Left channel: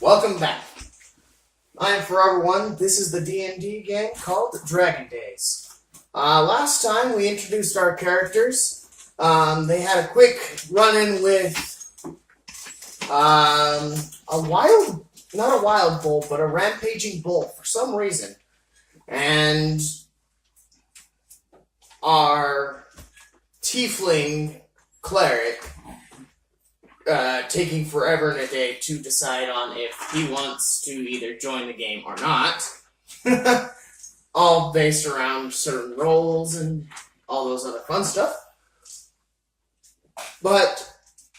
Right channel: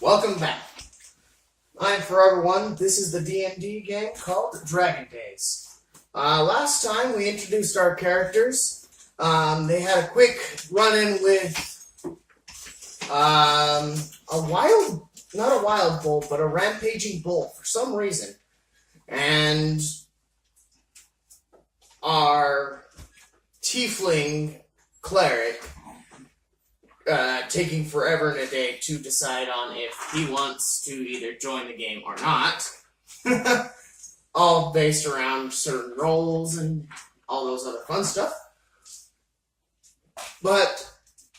Welcome back. I am Forever One. This is the D&D game called Dragon Days. Last time we introduced our characters. They had a quick run-in with not a wild bull, but a rampaging bull for some reason. And our tiefling cleric taking forever and a day to decide on if he wants to either join the game or not. All based around certain roles and all those other fun stuff. But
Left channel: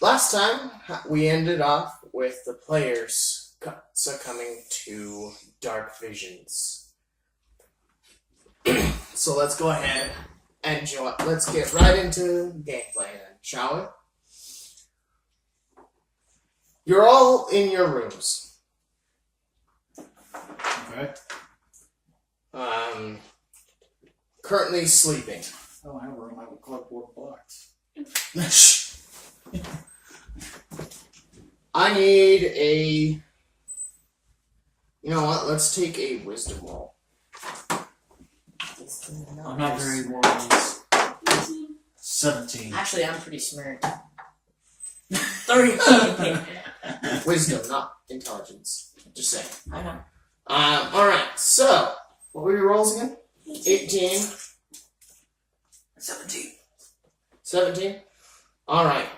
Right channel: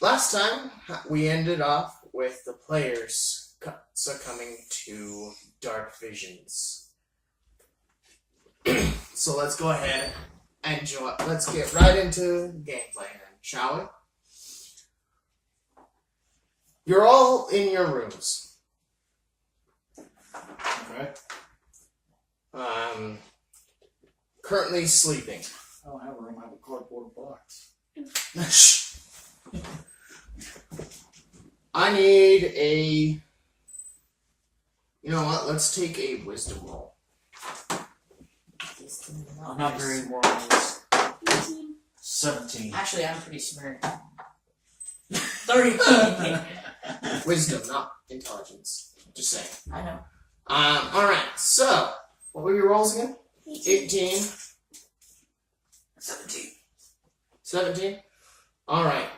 last time we ended off with the players succumbing to dark visions. So let's go ahead and let's get right into gameplay then, shall we? You're all in your rooms. Okay. Currently sleeping. I don't have a room, I have a cardboard box. I need a... You know what? Let's take a wisdom roll. I'm not very wise. 17. Actually, I'm pretty smart. 30. Wisdom, not intelligence. Just saying. I know. Alright, so... What were your rolls again? 18. 17. 17? Alright.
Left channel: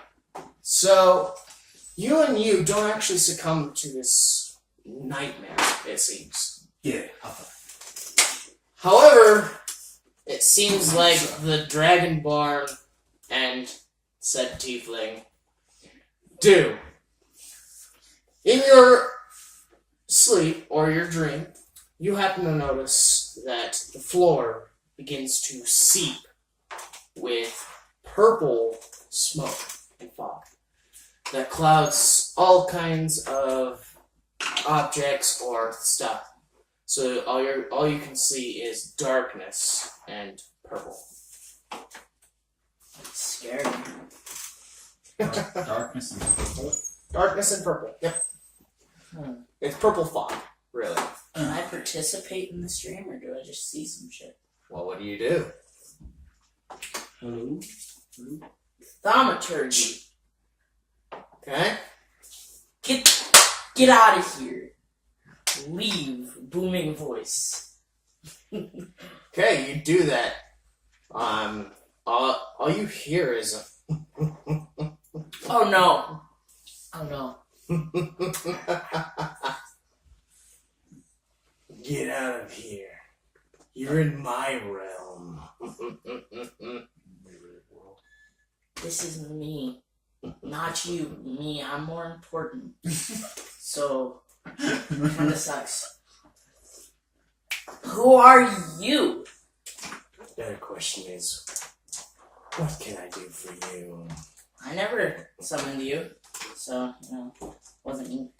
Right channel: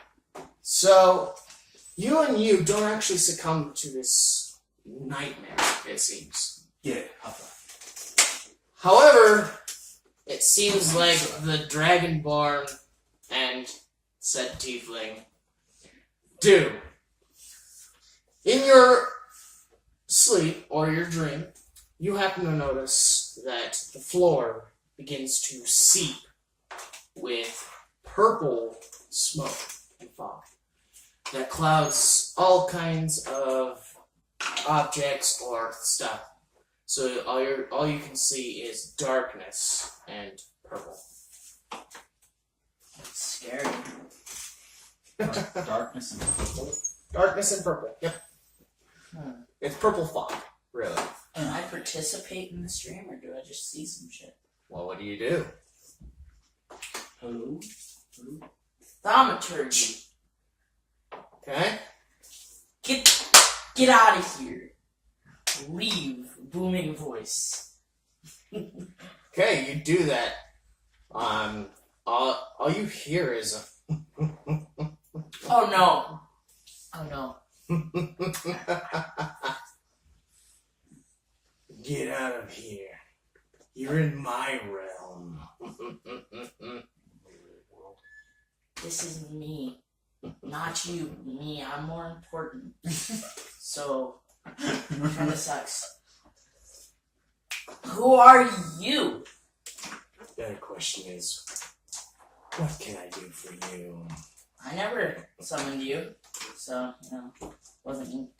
So, you don't actually succumb to this nightmare, it seems. Yeah, However, it seems like the Dragonborn and said tiefling do. In your sleep, or your dream, you happen to notice that the floor begins to seep with purple smoke and fog that clouds all kinds of objects or stuff. So all you can see is darkness and purple. It's scary. Darkness and purple. Darkness and purple. Yep. It's purple fog, really. Can I participate in the stream, or do I just see some shit? Well, what do you do? Hello? Thaumaturgy. Okay. Get out of here. Leave. Booming voice. Okay, you do that. All you hear is Oh no. Oh no. Get out of here. You're in my realm. This is me. Not you. Me. I'm more important. So, kinda sucks. Who are you? The other question is, what can I do for you? I never summoned you. So, wasn't me.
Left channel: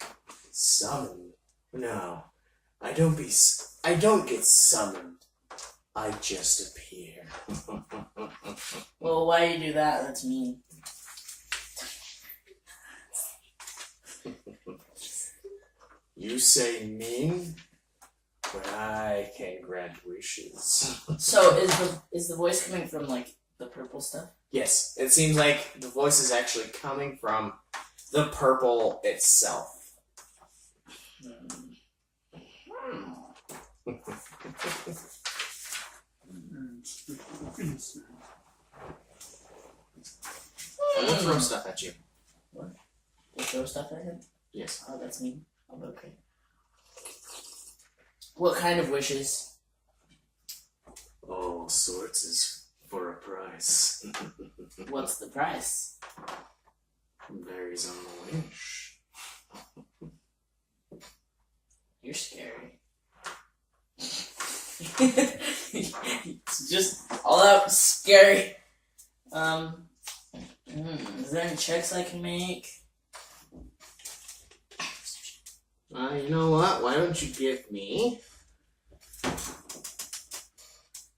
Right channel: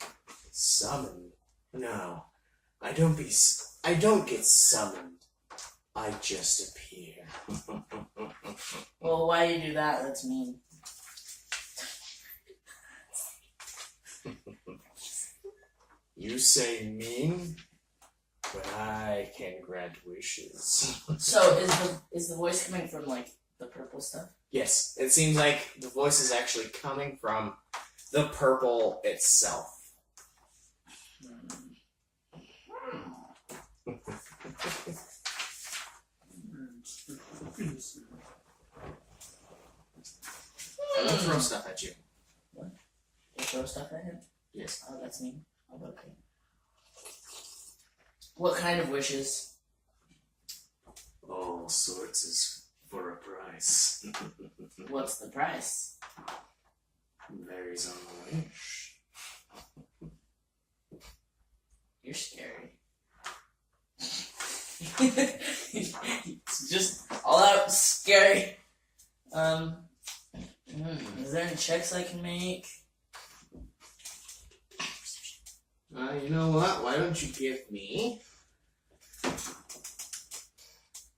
Summon? No. I don't get summoned. I just appear. Well, why do you do that? That's mean. You say mean, but I can grant wishes. So is the voice coming from like the purple stuff? Yes, it seems like the voice is actually coming from the purple itself. I'm gonna throw stuff at you. What? You throw stuff at him? Yes. Oh, that's mean. Oh, okay. What kind of wishes? All sorts is for a price. What's the price? Varies on the wish. You're scary. It's just all out scary. Is there any checks I can make? You know what? Why don't you give me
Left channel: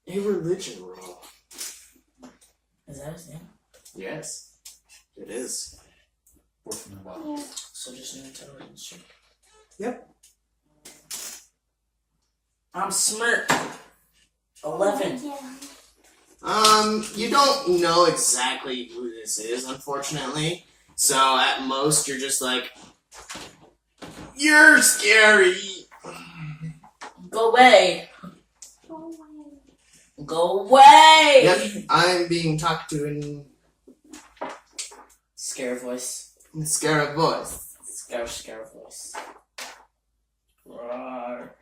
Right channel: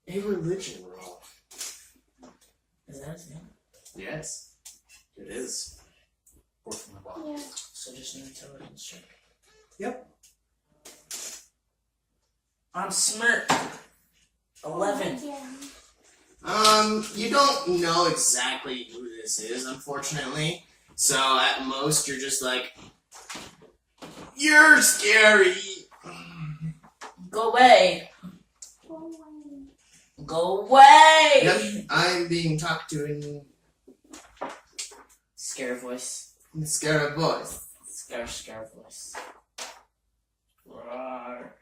a religion roll? Is that his name? Yes, it is. Fourth from the bottom. So just an intelligence check. Yep. I'm Smirk. 11. You don't know exactly who this is, unfortunately. So at most, you're just like, you're scary. Go away. Go away. Yep, I'm being talked to in Scare voice. scary voice. Scare voice. Roar.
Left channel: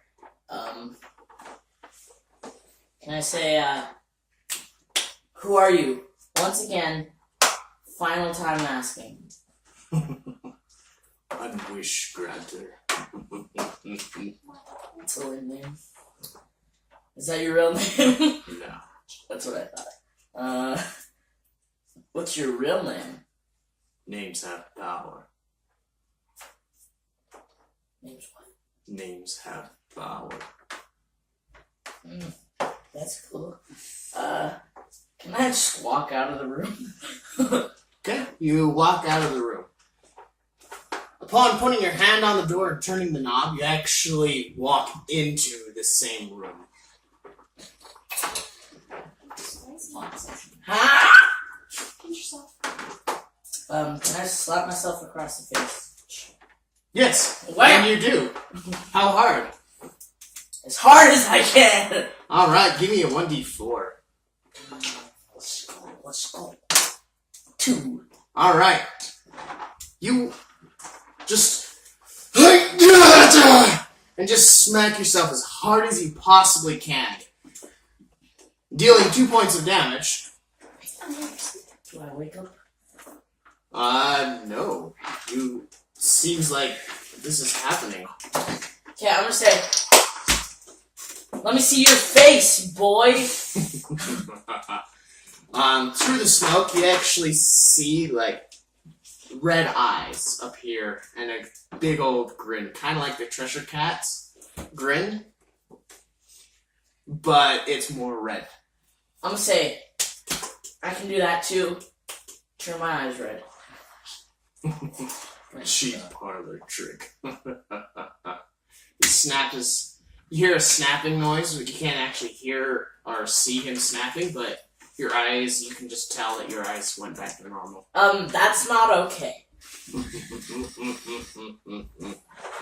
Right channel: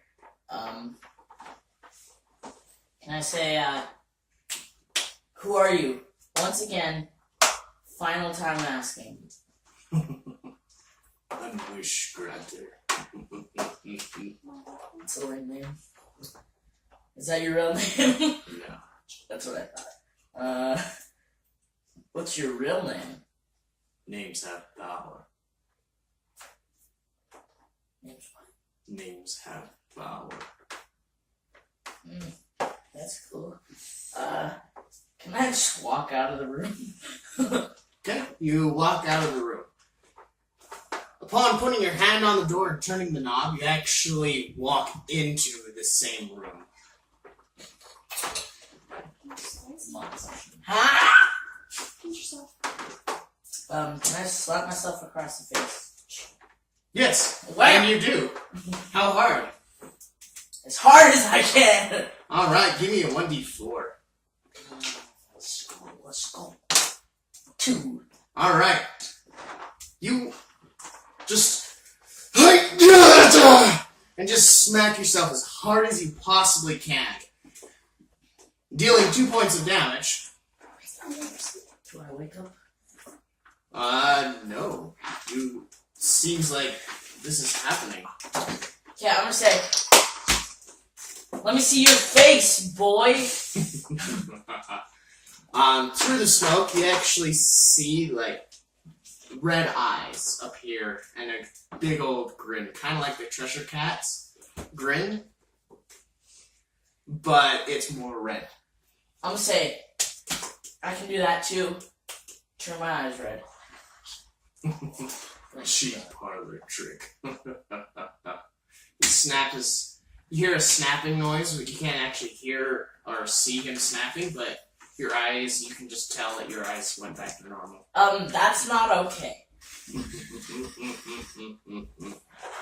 Can I say, who are you? Once again, final time asking. I'm Wish Granter. That's a weird name. Is that your real name? No. That's what I thought. What's your real name? Names have power. Name's what? Names have power. That's cool. Can I just walk out of the room? Okay, you walk out of the room. Upon putting your hand on the door and turning the knob, you actually walk into the same room. Ha! Can I slap myself across the face? Yes, Wham! and you do. How hard? As hard as I can! Alright, give me a 1d4. Let's go. 2. Alright. You just and just smack yourself as hard as you possibly can, dealing 2 points of damage. Do I wake up? No. You seems like this is happening. Okay, I'm gonna say, let me see your face, boy! Through the smoke, you actually see, like, red eyes appear and a big old grin, kind of like the Treasure Cat's grin, but it's more red. I'm gonna say, I can do that too. Turn my eyes red. Cheap parlor trick. You hear a snapping noise, but you can't actually hear or see him snapping, but your eyes, you can just tell that your eyes went back to normal. That's not okay.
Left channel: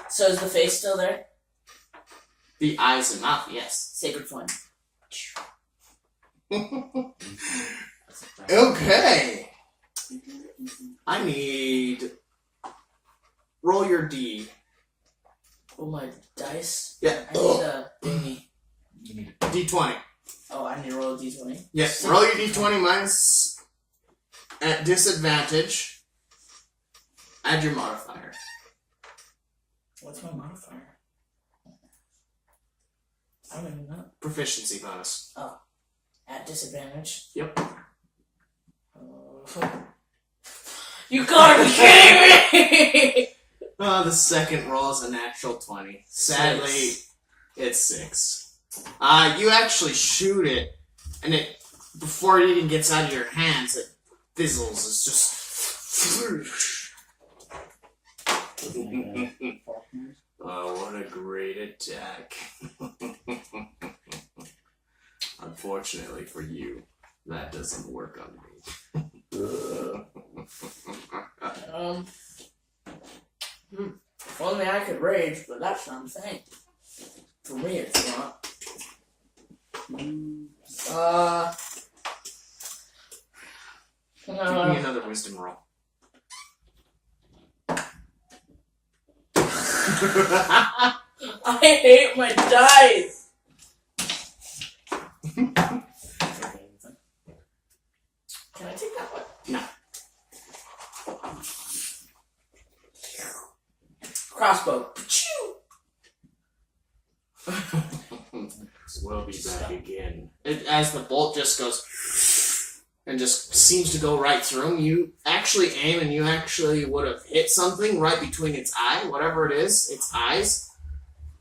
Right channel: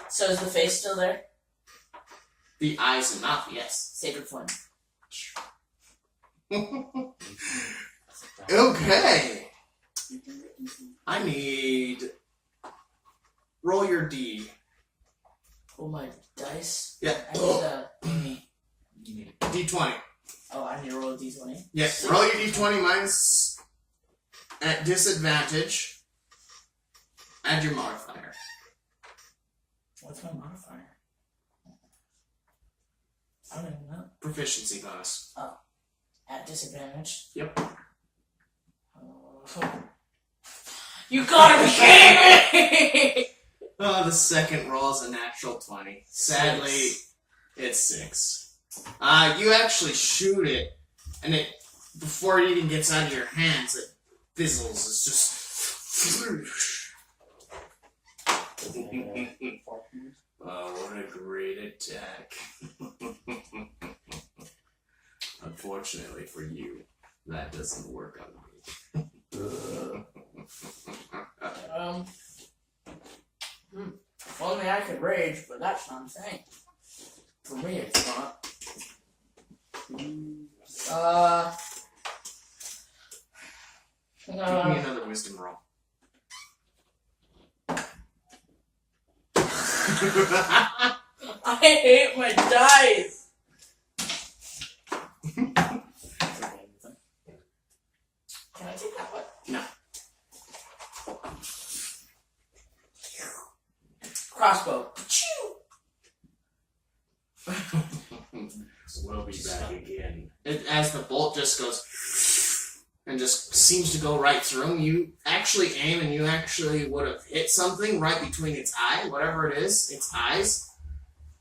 So is the face still there? The eyes and mouth, yes. Sacred flame. Okay. I need... Roll your D. Oh, my dice? Yeah. I need a thingy. D20. Oh, I need to roll a d20? Yeah, roll your D20. Mine's at disadvantage. Add your modifier. What's my modifier? I don't even know. Proficiency bonus. Oh. At disadvantage? Yep. You gotta be kidding me! The second roll is a natural 20. Sadly, it's 6. You actually shoot it, and it, before it even gets out of your hands, it fizzles. It's just... Oh, what a great attack. Unfortunately for you, that doesn't work on me. If only I could rage, but that's not a thing. For me, it's not. Give me another wisdom roll. I hate my dice! Can I take that one? No. Crossbow. We'll be back again. As the bolt just goes and just seems to go right through him, you actually aim and you actually would have hit something right between its eye, whatever it is, its eyes.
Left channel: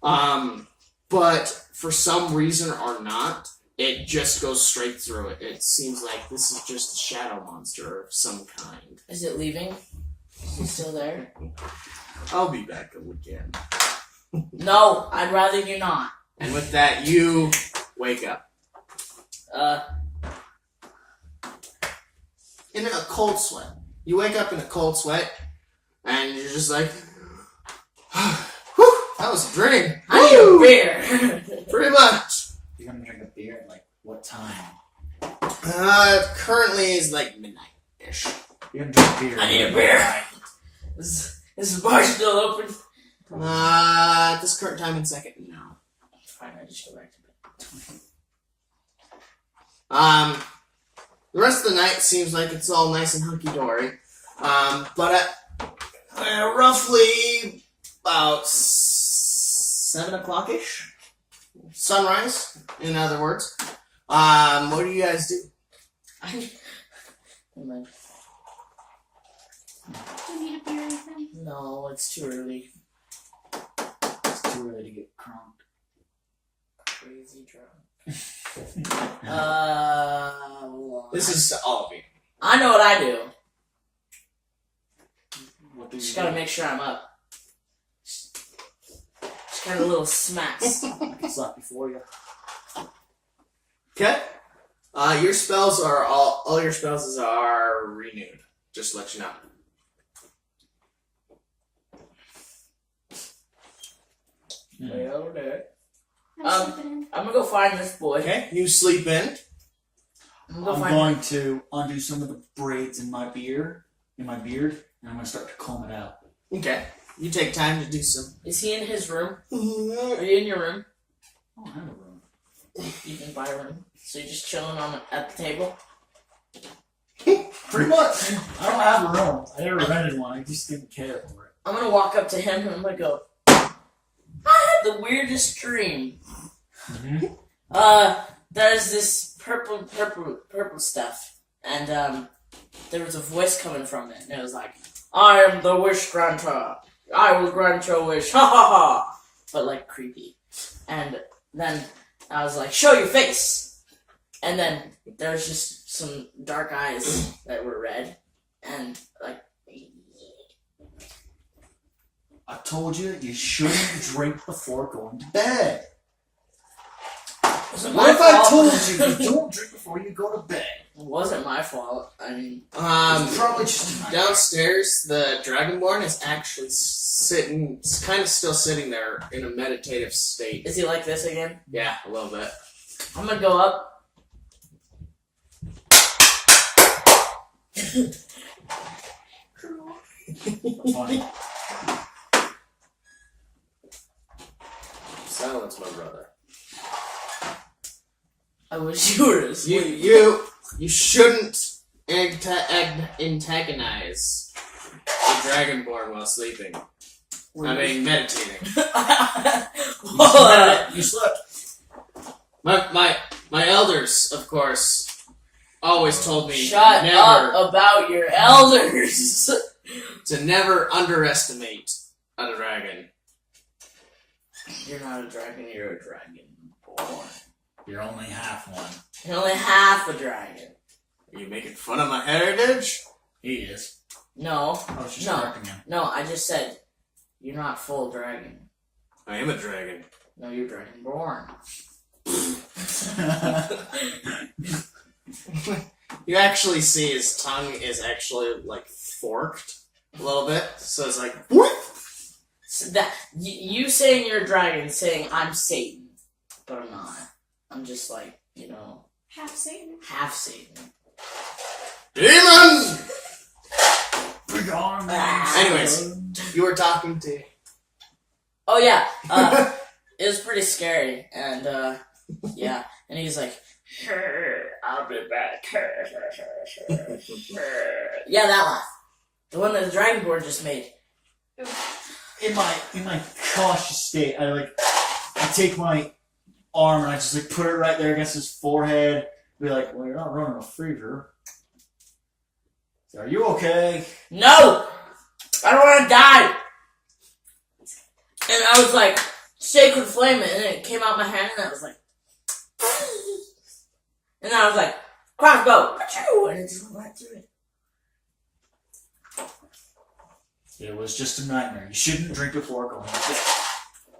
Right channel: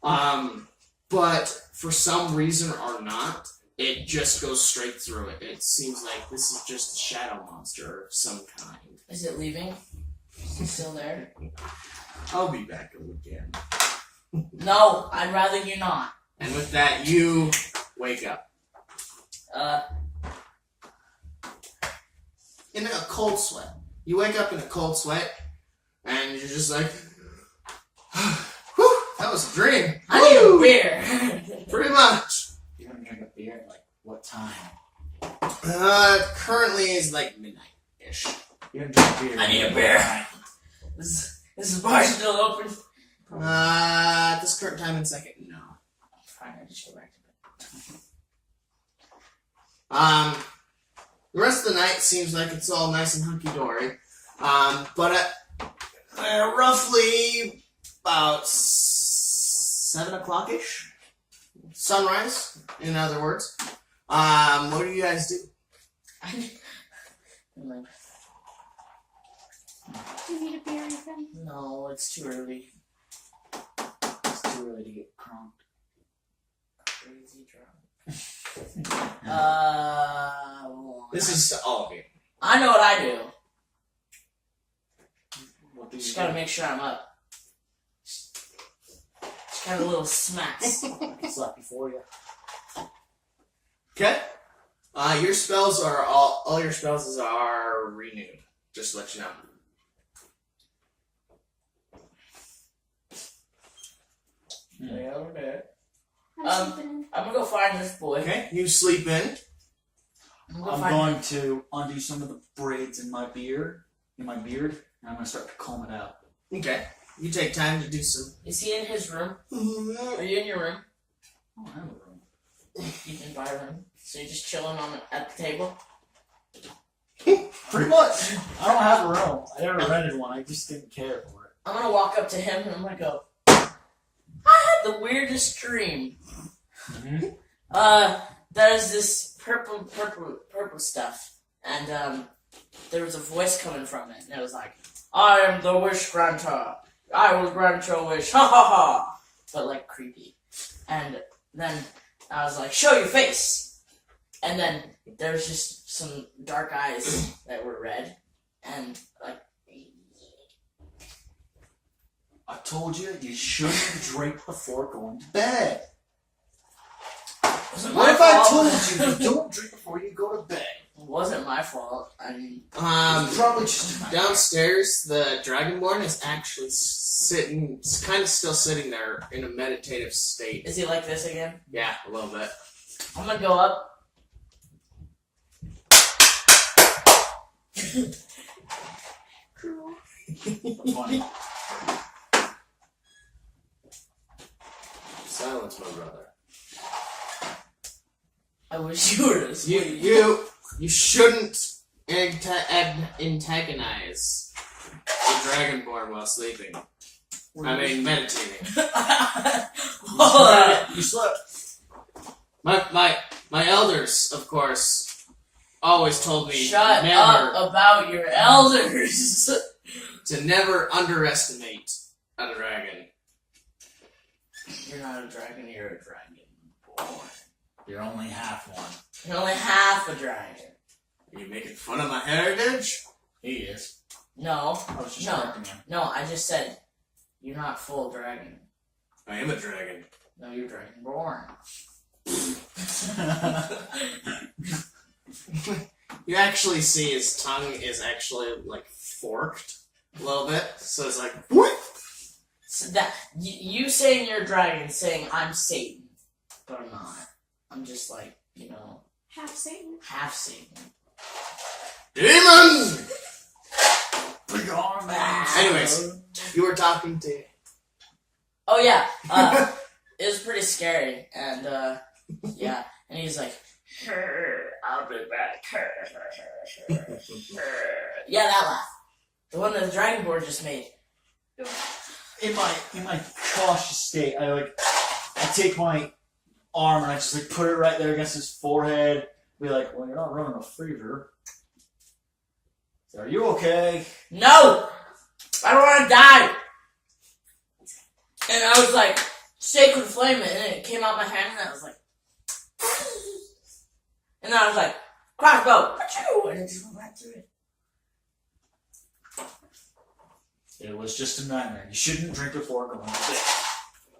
But for some reason or not, it just goes straight through it. It seems like this is just a shadow monster of some kind. Is it leaving? Is it still there? I'll be back again. No, I'd rather you not. And with that, you wake up. In a cold sweat. You wake up in a cold sweat, and you're just like, whew, that was a dream. I need a beer. Pretty much. You're gonna drink a beer at like what time? Currently is like midnight-ish. You're gonna drink beer. I need a beer. Is the bar still open? At this current time and second, no. Fine, I just go back to bed. The rest of the night seems like it's all nice and hunky-dory. But at roughly about 7 o'clock-ish, sunrise, in other words, what do you guys do? Do you need a beer or anything? No, it's too early. It's too early to get crunk. Crazy drunk. This is to all of you. I know what I do. What do you Just do? gotta make sure I'm up. Just got a little smacks. I can slap before you. Okay. Your spells are all your spells are renewed. Just to let you know. Way over there. I'm sleeping in. I'm gonna go find this boy. Okay. You sleep in. I'm I'm find going to undo some of the braids in my beard, and I'm gonna start to comb it out. Okay. You take time to do some. Is he in his room? Are you in your room? I don't have a room. You can buy a room. So you're just chilling at the table? Pretty much. I don't have a room. I never rented one. I just didn't care for it. I'm gonna walk up to him and I'm gonna go, I had the weirdest dream. There's this purple stuff, and there was a voice coming from it, and it was like, I am the wish granter. I will grant your wish, ha ha ha. But like creepy. And then I was like, show your face. And then there's just some dark eyes that were red, and like. I told you shouldn't drink before going to bed. What if I told you don't drink before you go to bed? It wasn't my fault. I mean, It's probably just downstairs, the Dragonborn is actually kind of still sitting there in a meditative state. is he like this again? Yeah, a little bit. I'm gonna go up. funny. Silence, my brother. I wish you were asleep. You shouldn't antagonize the Dragonborn while sleeping. I mean, meditating. You slept. My elders, of course, always told me Shut never up about your elders. to never underestimate a dragon. You're not a dragon, you're a dragon born. You're only half one. You're only half a dragon. Are you making fun of my heritage? He is. No, I was just No. correcting him. no, I just said you're not full dragon. I am a dragon. No, you're dragon born. You actually see his tongue is actually like forked a little bit, so it's like what? So that you saying you're a dragon, saying I'm Satan, but I'm not. I'm just like, Half Satan. half Satan. Demon! We're gone. Anyways, you were talking to. Oh yeah, it was pretty scary, and yeah, and he's like, I'll be back. Yeah, that laugh, the one that the Dragonborn just made. In my cautious state, I take my arm and I just put it right there against his forehead. Be like, well, you're not running a fever. So, are you okay? No, I don't want to die. And I was like, sacred flame it, and then it came out my hand, and I was like, and I was like, crossbow, and it just went right through it. It was just a nightmare. You shouldn't drink before going to bed.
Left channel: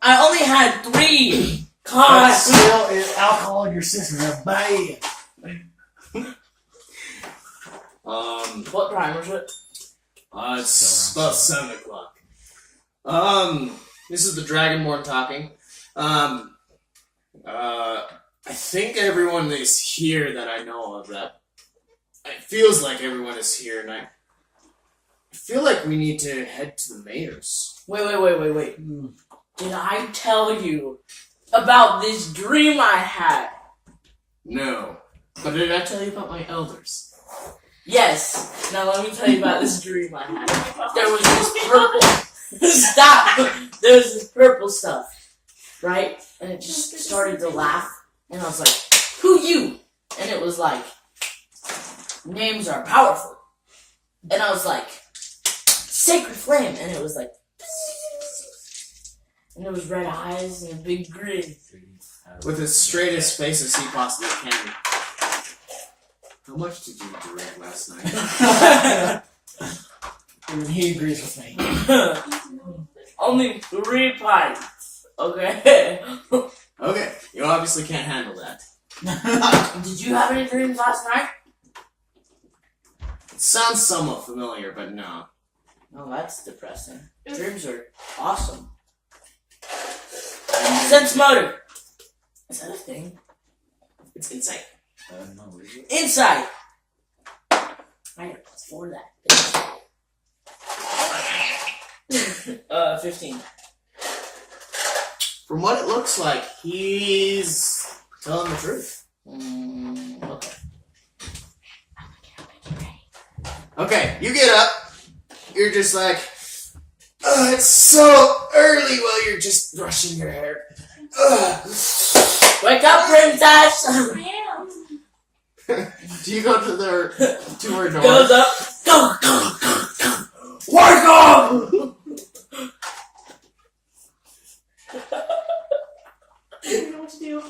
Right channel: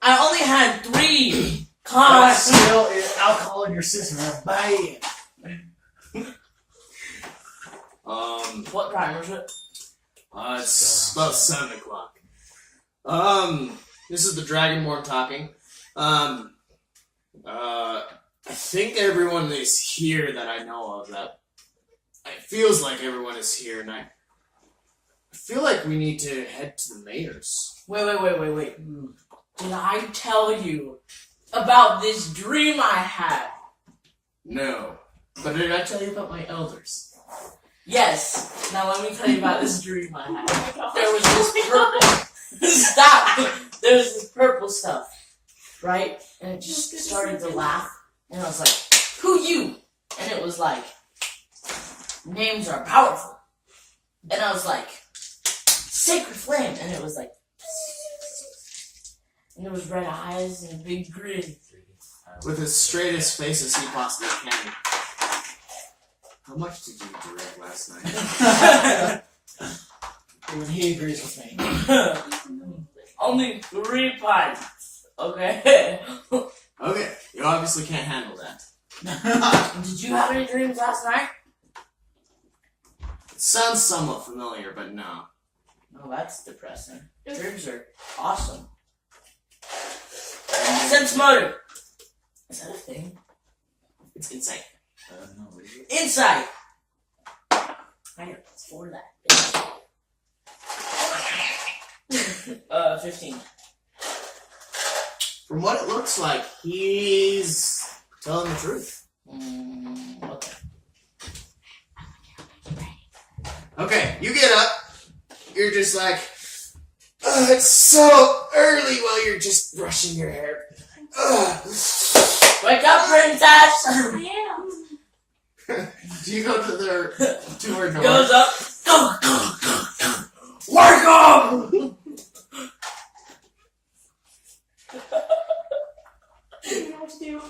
I only had 3. But God. still, it's alcohol in your system. That's bad. What time is it? It's about 7 o'clock. This is the Dragonborn talking. I think everyone is here that I know of. That it feels like everyone is here, and I feel like we need to head to the mayor's. Wait. Did I tell you about this dream I had? No, but did I tell you about my elders? Yes. Now let me tell you about this dream I had. There was this purple. Stop. There was this purple stuff, right? And it just started to laugh, and I was like, "Who you?" And it was like, "Names are powerful," and I was like, "Sacred Flame," and it was like, and it was red eyes and a big grin. With as straight as face as he possibly can. How much did you drink last night? Even he agrees with me. Only 3 pints. Okay. Okay, you obviously can't handle that. Did you have any dreams last night? It sounds somewhat familiar, but no. Oh, that's depressing. Dreams are awesome. Sense motive. Is that a thing? It's insight. No, really. Insight. I got +4 that. 15. From what it looks like, he's telling the truth. Okay. Okay, you get up. You're just like, oh, it's so early while you're just brushing your hair. Ugh. Wake up, princess! I am. Do you go to her door? Goes up. Go. Wake up! I don't know what to do.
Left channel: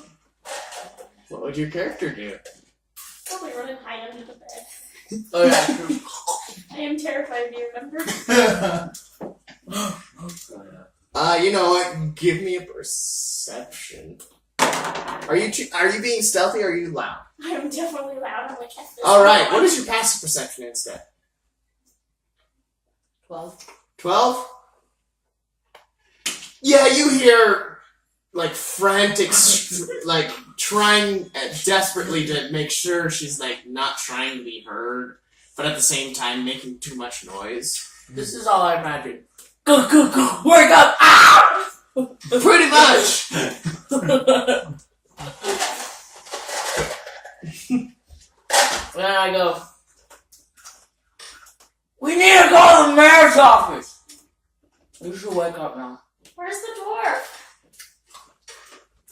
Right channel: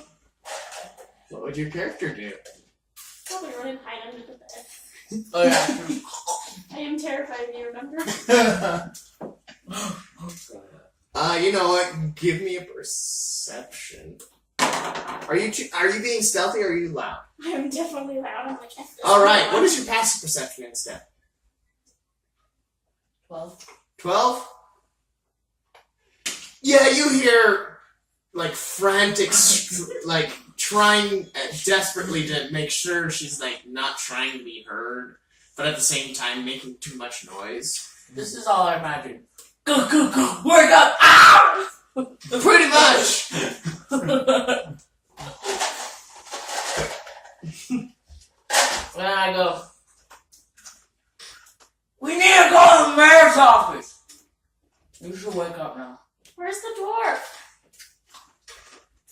What would your character do? Probably run and hide under the bed. Oh yeah, true. I am terrified of you, remember? You know what? Give me a perception. Are you being stealthy or are you loud? I am definitely loud. I'm like, F this. Alright, what is your passive perception instead? 12. 12? Yeah, you hear, like, frantic, like, trying desperately to make sure she's, like, not trying to be heard, but at the same time making too much noise. This is all I imagine. Go. Wake up! Ah! Pretty much! And I go, we need to go to the mayor's office. You should wake up now. Where's the door?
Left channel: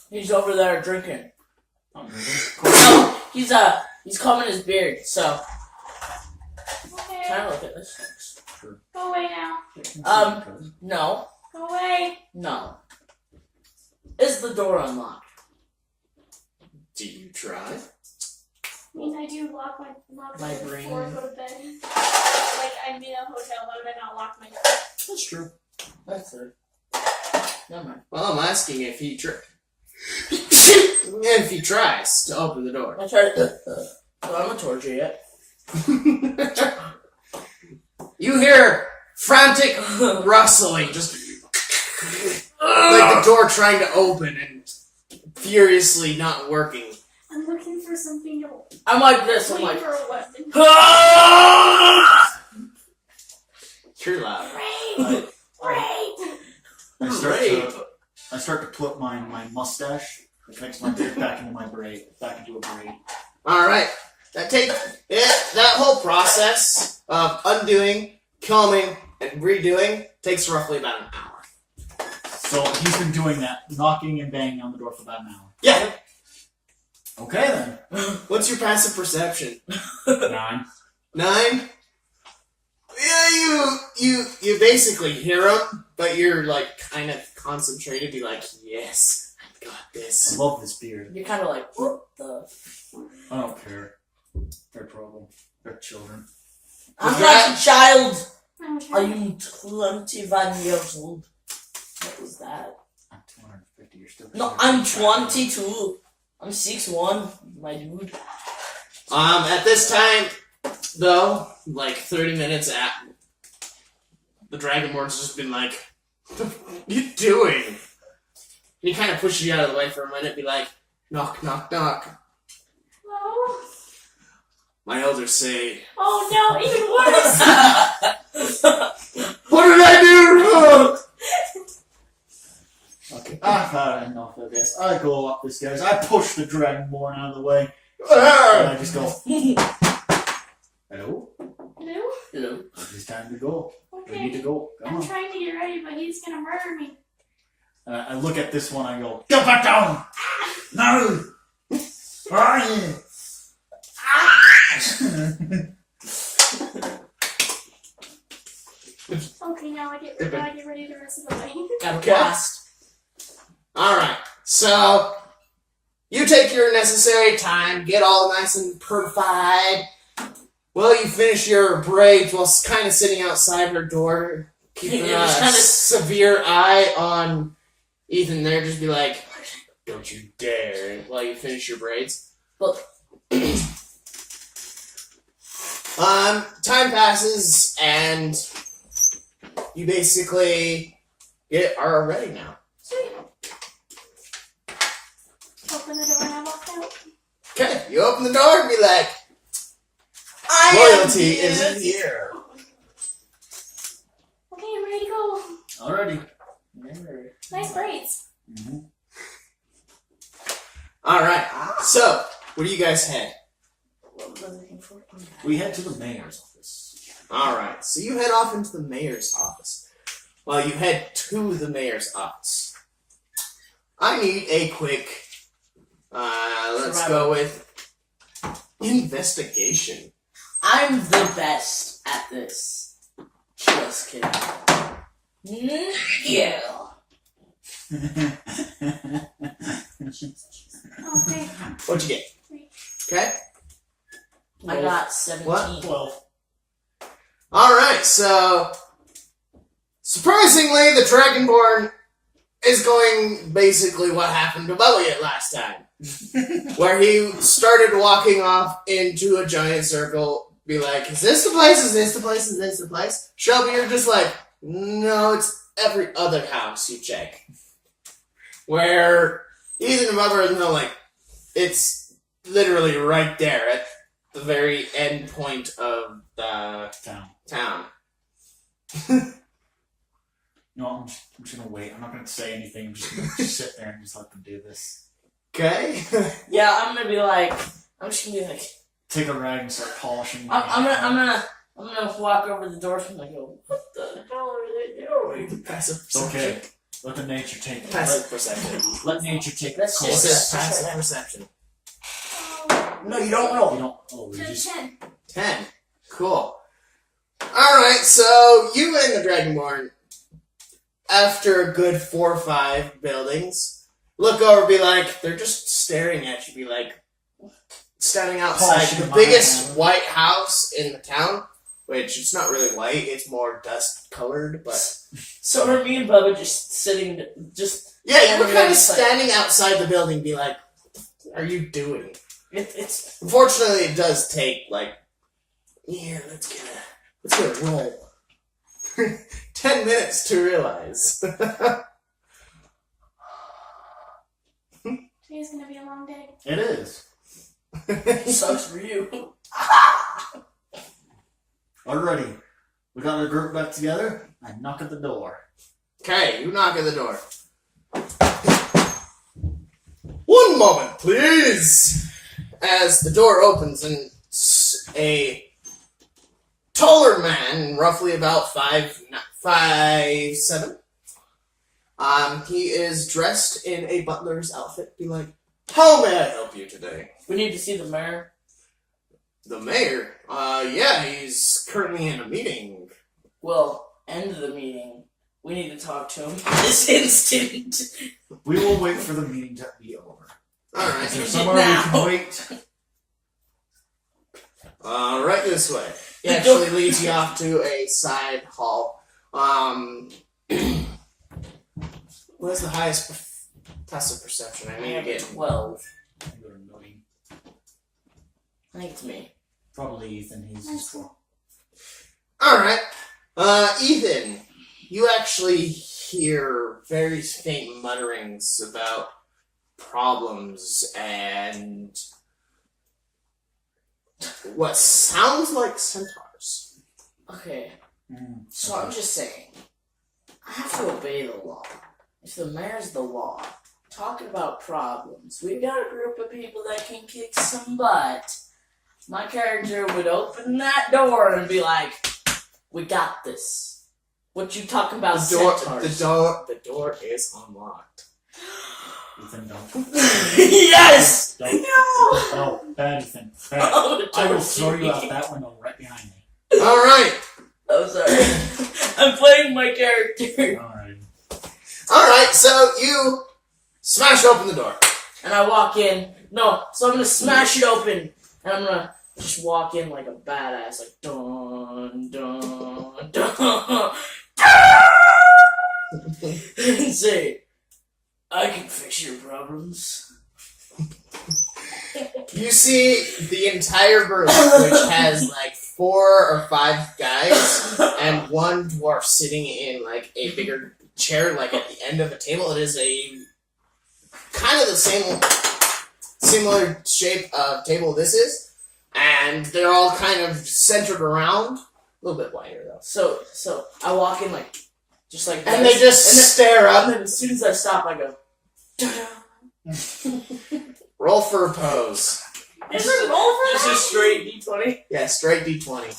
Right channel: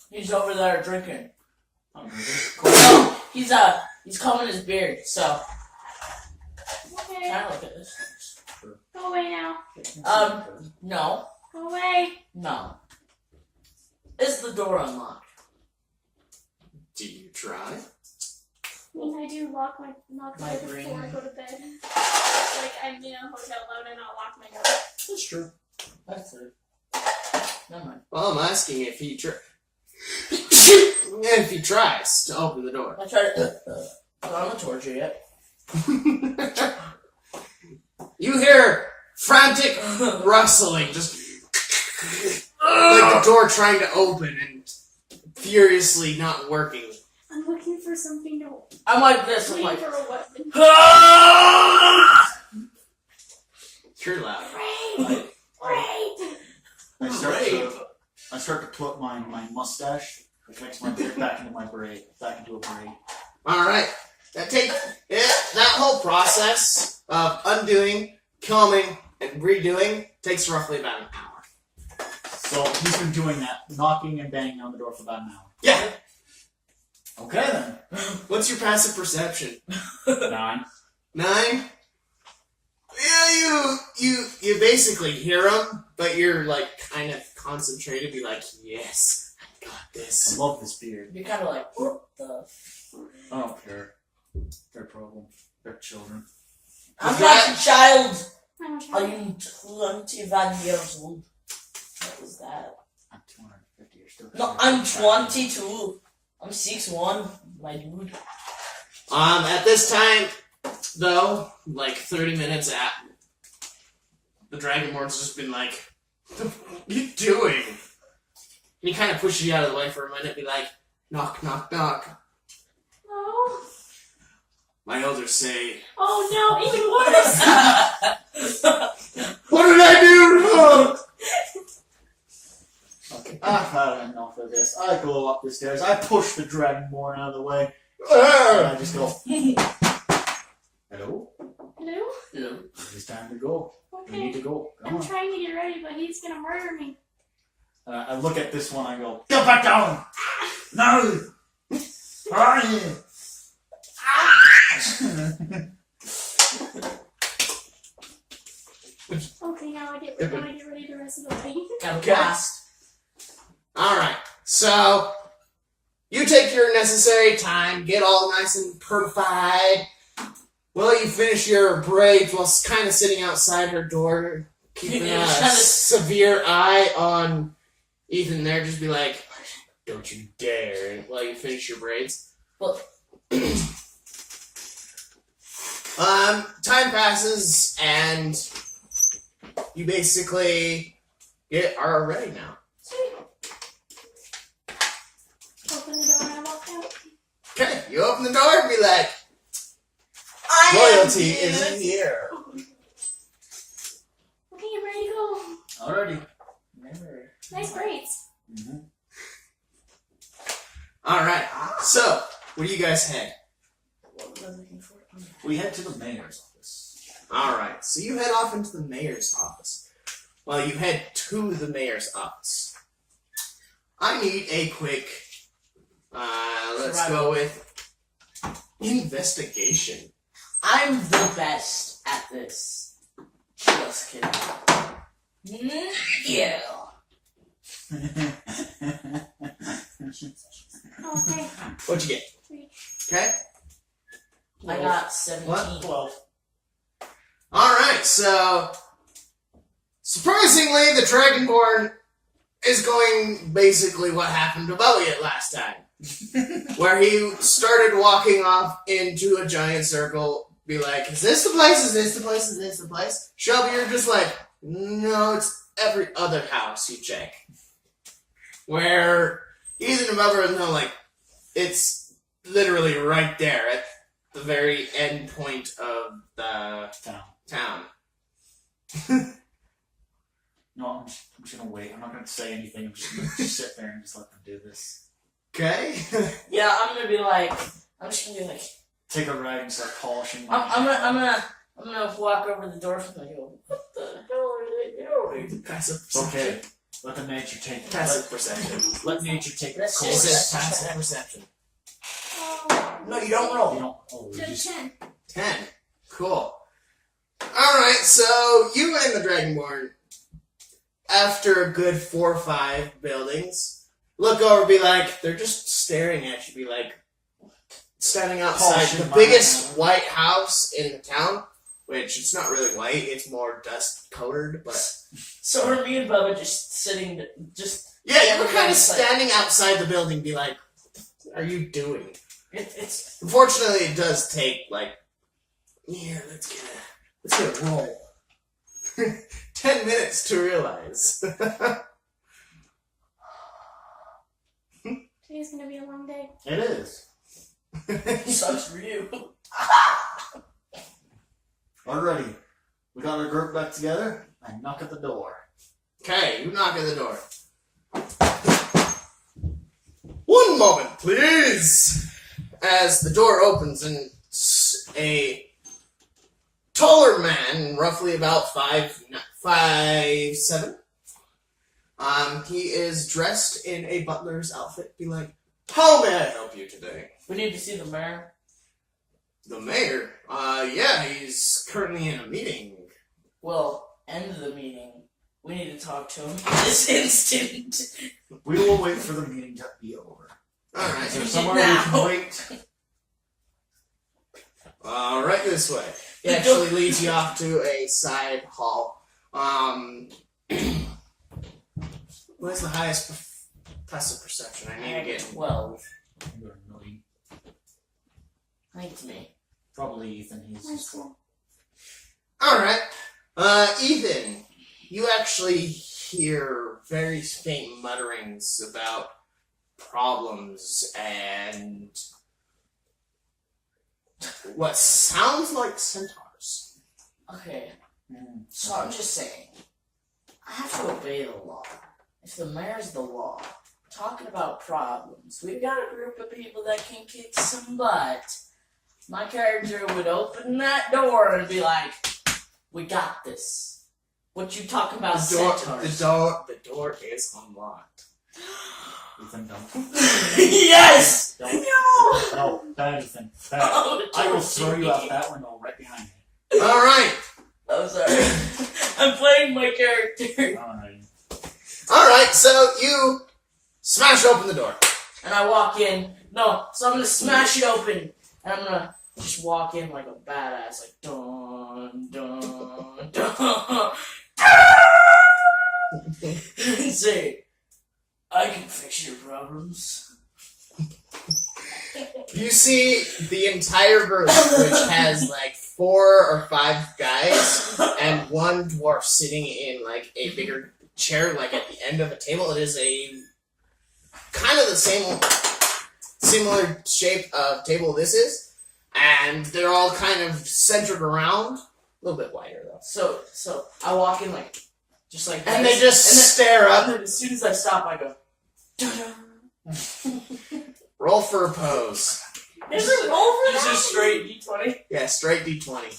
He's over there drinking. I'm No, he's combing his beard, so Okay. try to look at this. Go away now. No. Go away. No. Is the door unlocked? Do you try? I mean, I do lock my My door brain. before I go to bed. Like, I'm in a hotel. Why would I not lock my door? That's true. That's it. Never mind. Well, I'm asking if he if he tries to open the door. I tried to I'm a torture yet. You hear frantic rustling, just like the door trying to open and furiously not working. I'm looking for something to I'm like this, I'm wait like for a weapon. You're loud. Great! Great! I start to put my mustache that connects my beard back into a braid. All right, that whole process of undoing, combing, and redoing takes roughly about an hour. So he's been doing that, knocking and banging on the door for about an hour. Yeah. Okay then. What's your passive perception? 9. 9? Yeah, you basically hear him, but you're like kind of concentrated. Be like, yes, I got I this. love this beard. you're kinda like, what the I don't care. Their problem. They're children. I'm not a child. I'm I am 21 years old. What was that? I'm 250. You're still. No, I'm 22. I'm 6'1", my dude. At this time, though, like 30 minutes at, the Dragonborn's just been like, "What are you doing?" And he kind of pushes you out of the way for a minute, be like, "Knock, knock, knock. Oh. My elders say, Oh no, even worse. what did I do?" Okay. I've had enough of this. I go up the stairs. I push the Dragonborn out of the way. And Ah! I just go. Hello. Hello? Hello. It's time to go. We need to Okay. go. Come I'm on. trying to get ready, but he's gonna murder me. And I look at this one. I go. Get back down. No. Where are you? Okay, now I get ready the rest of the way. Got a Okay. blast. Alright, so you take your necessary time, get all nice and purified. Well, you finish your braids while kind of sitting outside her door, keeping Yeah, a just kinda- severe eye on Ethan there. Just be like, "Don't you dare," while you finish your braids. Well- Time passes, and you basically are ready now. Sweet. Open the door and I walk out. Okay, you open the door and be like, I "Royalty am is good. here." Okay, I'm ready to go. Alrighty. Remember. Nice braids. Mm-hmm. Alright, so, where do you guys head? What was I looking for? We head to the mayor's office. Alright, so you head off into the mayor's office. Well, you head to the mayor's office. I need a quick, let's go with investigation. I'm the best at this. Just kidding. Yeah. Okay. What'd you get? Okay? I got 17. What? 12. Alright, so, surprisingly, the Dragonborn is going basically what happened to Elliot last time. Where he started walking off into a giant circle, be like, "Is this the place? Is this the place? Is this the place?" Shelby, you're just like, "No, it's every other house you check." Where Ethan and Bubba know, like, it's literally right there at the very end point of the town. No, I'm just gonna wait. I'm not gonna say anything. I'm just gonna sit there and just let them do this. Okay? Yeah, I'm just gonna be like, Take a rag and start polishing. my I'm hand. gonna walk over the door and I go, what the hell are they doing? Passive It's perception. okay. Let the nature take. Passive perception. Let nature take the Let's course. This just- is passive perception. No, you don't You roll. don't. Oh, we To just. 10. 10. Cool. Alright, so you and the Dragonborn, after a good 4 or 5 buildings, look over and be like, they're just staring at you, be like, standing outside Polishing the my biggest hand. white house in the town, which it's not really white, it's more dust colored, but So are me and Bubba just sitting, just, yeah, you were Yeah, kind of it's like- standing outside the building, be like, what are you doing? it's, Unfortunately, it does take, like, here, let's get a roll. 10 minutes to realize. Today's gonna be a long day. It is. sucks for you. Alrighty. We got our group back together. I knock at the door. Okay, you knock at the door. One moment, please! As the door opens and a taller man, roughly about 5'7". He is dressed in a butler's outfit. Be like, "How may I help you today?" We need to see the mayor. The mayor? Yeah, he's currently in a meeting. Well, end the meeting. We need to talk to him this instant. We will wait for the meeting to be over. Is there Alright. somewhere we Now. can wait? Right this way. He actually leads you off to a side hall. Who has the highest passive perception? I need to get 12. You're annoying. I think it's me. Probably Ethan. He's just well. Alright. Ethan, you actually hear very faint mutterings about problems and what sounds like centaurs. Okay, so I'm just saying, I have to obey the law. If the mayor's the law, talking about problems, we've got a group of people that can kick some butt. My character would open that door and be like, "We got this." What you talking about, centaurs? The door is unlocked. Ethan, don't. Yes! Don't. No, bad, Ethan. Bad. Oh, I will throw you out that window right behind me. Alright. I'm sorry. I'm playing my character. Alright, so you smash open the door. And I walk in. No, so I'm gonna smash it open. And I'm gonna just walk in like a badass. Like, dun, dun, dun. And say, "I can fix your problems." You see the entire group, which has like 4 or 5 guys and one dwarf sitting in like a bigger chair, like at the end of a table. It is a kind of the similar shape of table this is, and they're all kind of centered around. A little bit wider though. So I walk in like, just like And this, they just stare and up. then as soon as I stop, I go, "Ta-da." Roll for a pose. There's a roll for Just a that? straight D20. Yeah, straight D20.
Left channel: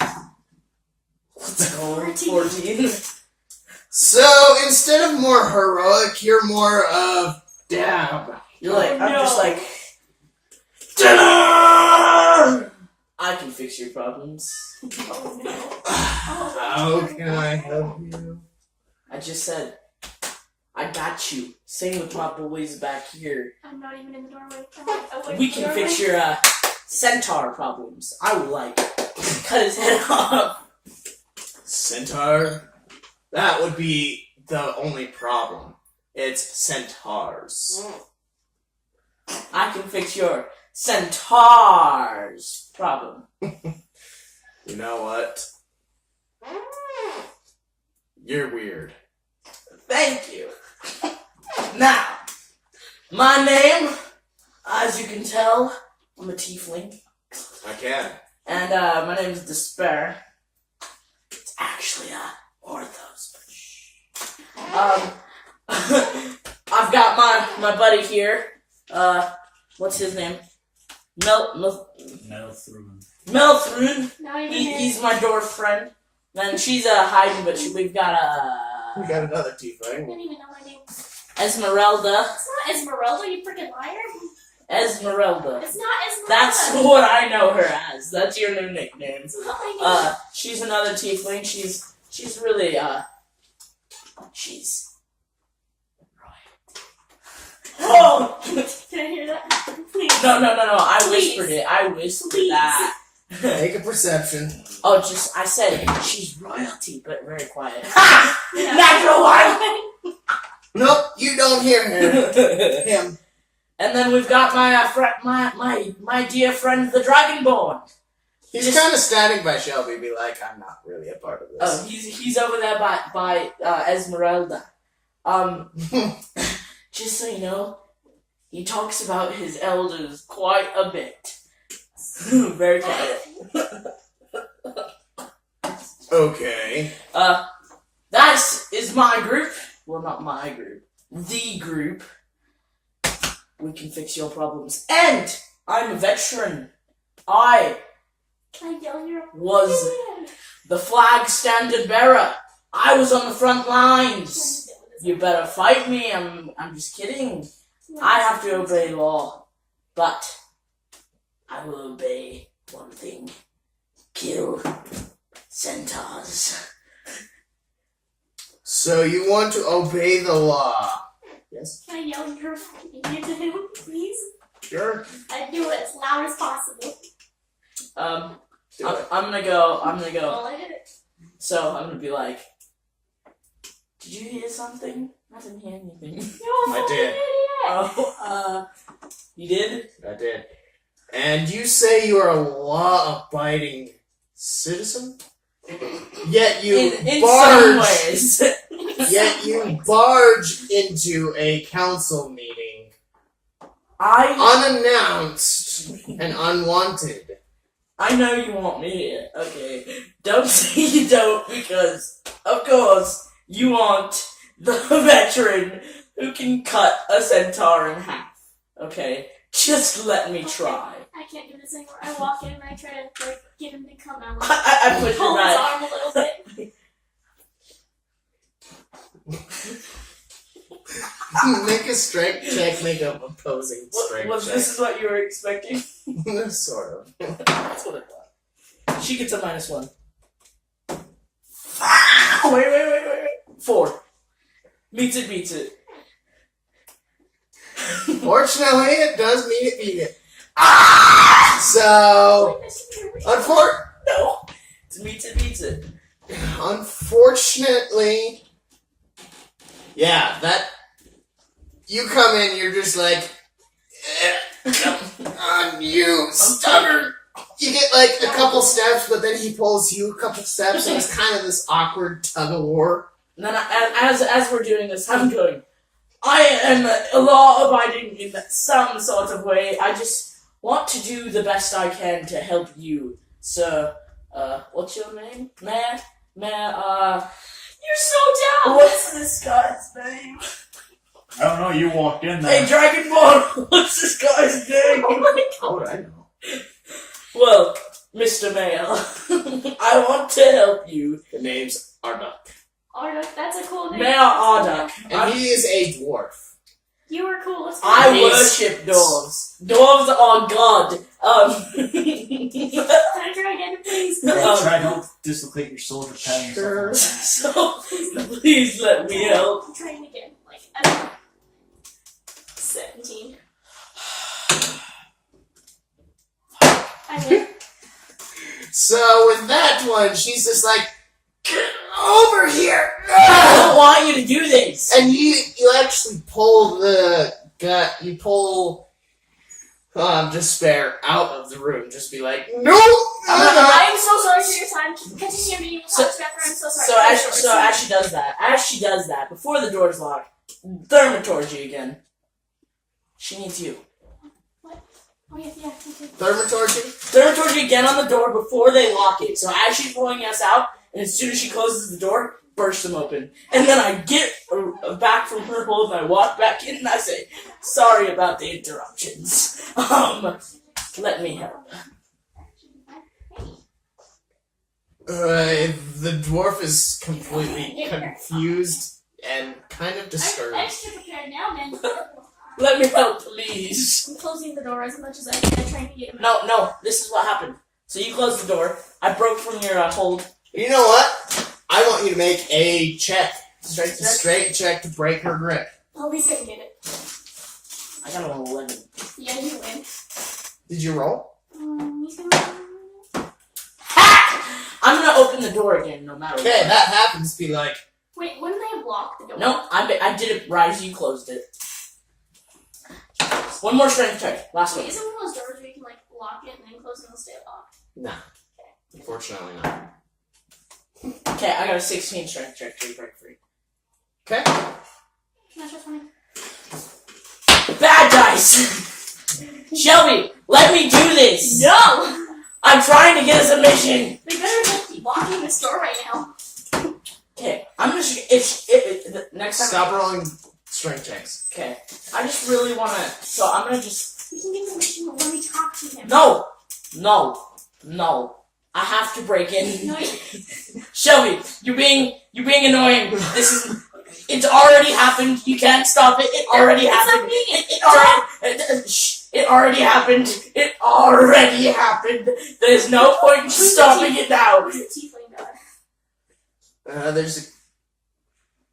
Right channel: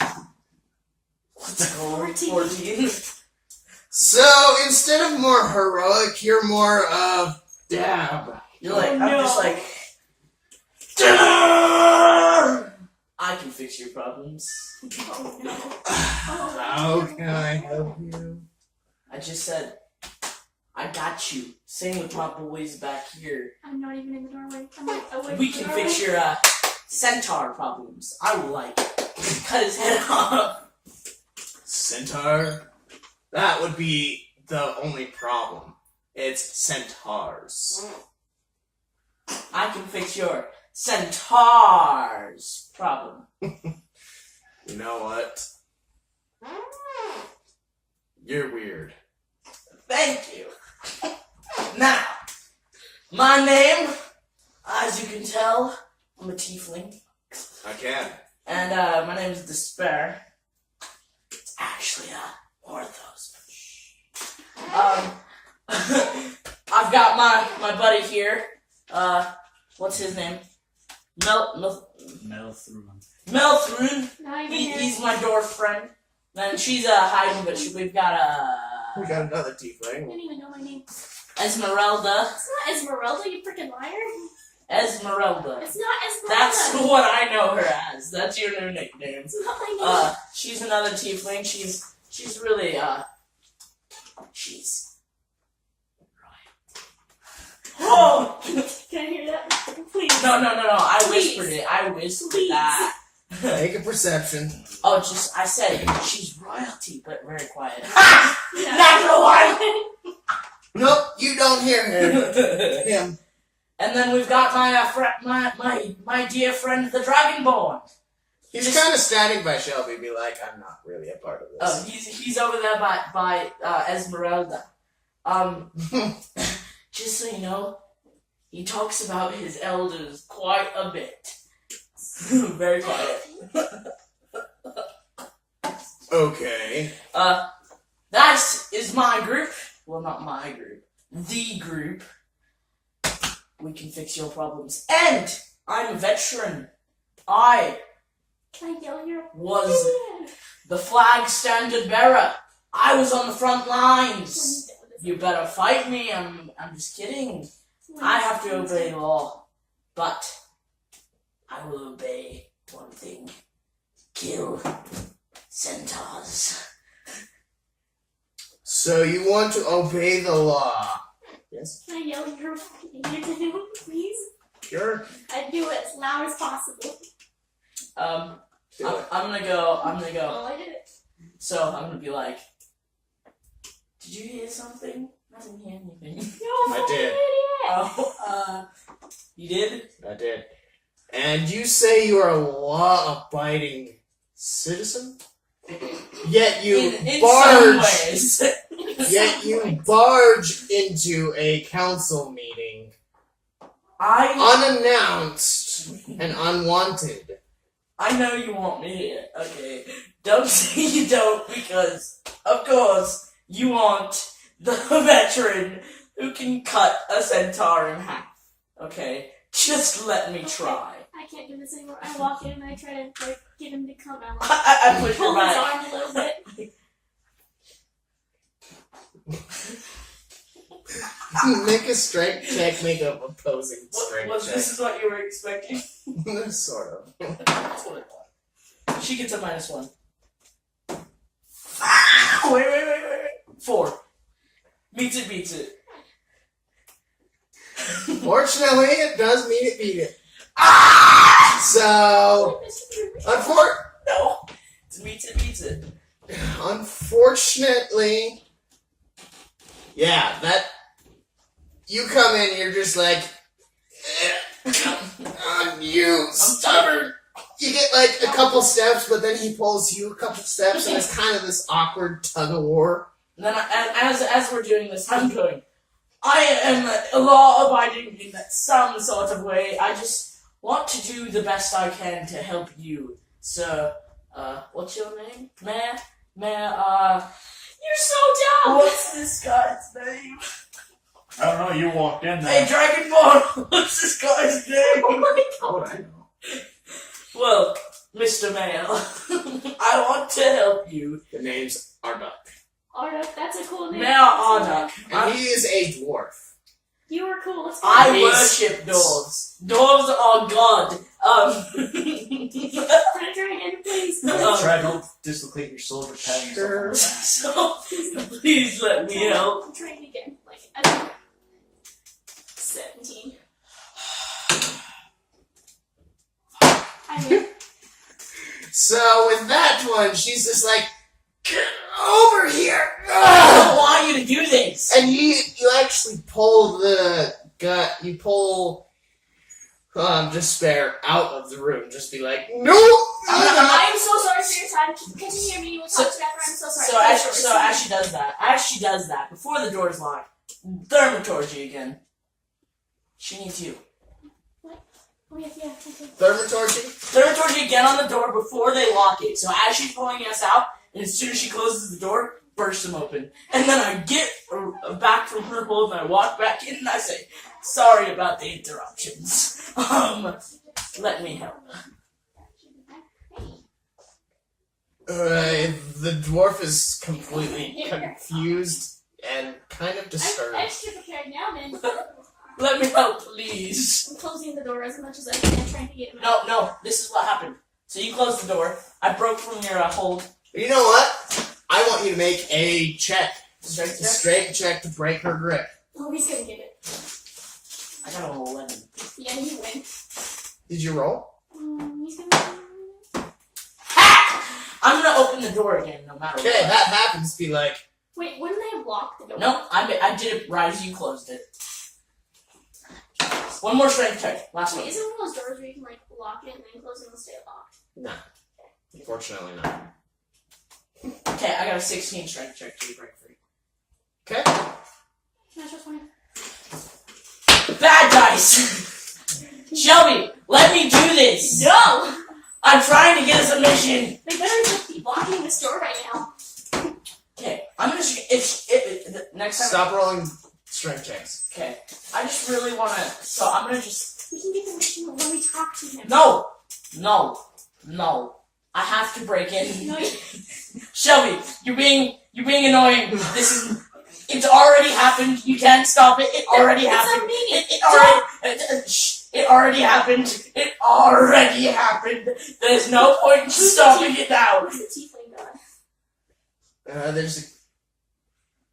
What's going 14. 14. So instead of more heroic, you're more of dab. You're like, Oh, I'm no. just like, "Ta-da! I can fix your problems." Oh no. How can I help you? I just said, "I got you." Same with my boys back here. I'm not even in the doorway. I'm like away We from the can doorway. fix your centaur problems. I will like cut his head off. Centaur? That would be the only problem. It's centaurs. I can fix your centaurs problem. You know what? You're weird. Thank you. Now, my name, as you can tell, I'm a tiefling. I can. And my name is Despair. It's actually Orthos. I've got my buddy here. What's his name? Melthrun. Melthrun. Not even He's my dwarf friend. And she's hiding, but we've got We got another I tiefling. didn't even know my name. Esmeralda. It's not Esmeralda, you freaking liar. Esmeralda. It's not Esmeralda. That's what I know her as. That's your new nickname. It's not my name. She's another tiefling. She's really she's Oh! Can I hear that? Please. no. I Please. whispered it. I whispered Please. that. Make a perception. Oh, I said she's royalty, but very quiet. Ha! Natural one. Nope, you don't hear him. And then we've got my my dear friend, the Dragonborn. He's kind of standing by Shelby, be like, I'm not really a part of Oh, this. he's over there by Esmeralda. Just so you know, he talks about his elders quite a bit. Very quiet. Okay. That is my group. Well, not my group. The group. We can fix your problems. And I'm a veteran. I Can I yell your was the flag standard bearer. I was on the front lines. You better fight me. I'm just kidding. I have to obey law. But I will obey one thing. Kill centaurs. So you want to obey the law? Yes. Can I yell your fucking name to him, please? Sure. I do it as loud as possible. Do it. I'm gonna go. Well, I did it. So I'm gonna be like, did you hear something? I didn't hear anything. I did. Oh, you did? I did. And you say you are a law-abiding citizen? Yet you In barge. some ways. Yet you barge into a council meeting unannounced and unwanted. I know you want me here, okay? Don't say you don't, because, of course, you want the veteran who can cut a centaur in half, okay? Just let me try. I can't do this anymore. I walk in and I try to like get him to come out. Like, I push pull your his back. arm a little bit. Make a strength check, make a opposing strength Was check. this is what you were expecting? Sort of. That's what I thought. She gets a -1. Wait. 4. Beats it. Fortunately, it does beat it. So, No. Beats it. unfortunately, yeah, that, you come in, you're just like, on you, stubborn. You get like a couple steps, but then he pulls you a couple steps, and it's kind of this awkward tug of war. And then as we're doing this, I'm going, I am law-abiding in some sort of way. I just want to do the best I can to help you. So, what's your name? Mayor? You're so down. What's this guy's name? I don't know, you walked in Hey, there. Dragonborn, what's this guy's name? How would I know? Well, Mr. Mayor, I want to help you. The name's Arduck. Arduck, that's a cool name. Mayor Arduck. And he is a dwarf. You were cool. Let's go. I He's- worship dwarves. Dwarves are God. Can I try again, please? Try don't dislocate your shoulder patting Sure. yourself on the back. So, please let me help. I'm trying again. Like, I don't know. 17. I win. So with that one, she's just like, get over here! I don't want you to do this. And you actually pull you pull despair out of the room. Just be like, no! I am so sorry for your time. Continue your meeting. We'll talk after. I'm so sorry. So as she does that, before the door's locked, Thermaturgy again. She needs you. Oh, yeah, okay. Thermaturgy? Again on the door before they lock it. So as she's pulling us out, and as soon as she closes the door, burst them open. And then I get back from her hold and I walk back in and I say, sorry about the interruptions. Let me help. The dwarf is completely confused and kind of I'm disturbed. extra prepared now, man. Let me help, please. I'm closing the door as much as I can, trying to get him out. No, this is what happened. So you closed the door. I broke from your hold. You know what? I want you to make a check. Straight check? Straight check to break her grip. Oh, he's gonna get it. I got an 11. Yeah, you win. Did you roll? He's gonna. I'm gonna open the door again, no matter Okay, what. that happens. Be like, Wait, wouldn't they have locked the door? No, I did it right as you closed it. One more strength check. Last Wait, one. isn't one of those doors where you can like lock it and then close it and it'll stay locked? nah. Unfortunately not. Okay, I got a 16 strength check to break free. Okay. That's just funny. Bad dice! Shelby, let me do this! No! I'm trying to get us a mission! They better like be blocking this door right now. Okay, I'm gonna. Next time. Stop rolling strength checks. Okay, I just really wanna. So I'm gonna just. We can get the mission when we talk to him. No! I have to break in. No, Shelby, you're being annoying. It's already happened. You can't stop it. It already it's happened. not me. It already happened. It already happened. There's no point in stopping it now. Who's the tiefling god? There's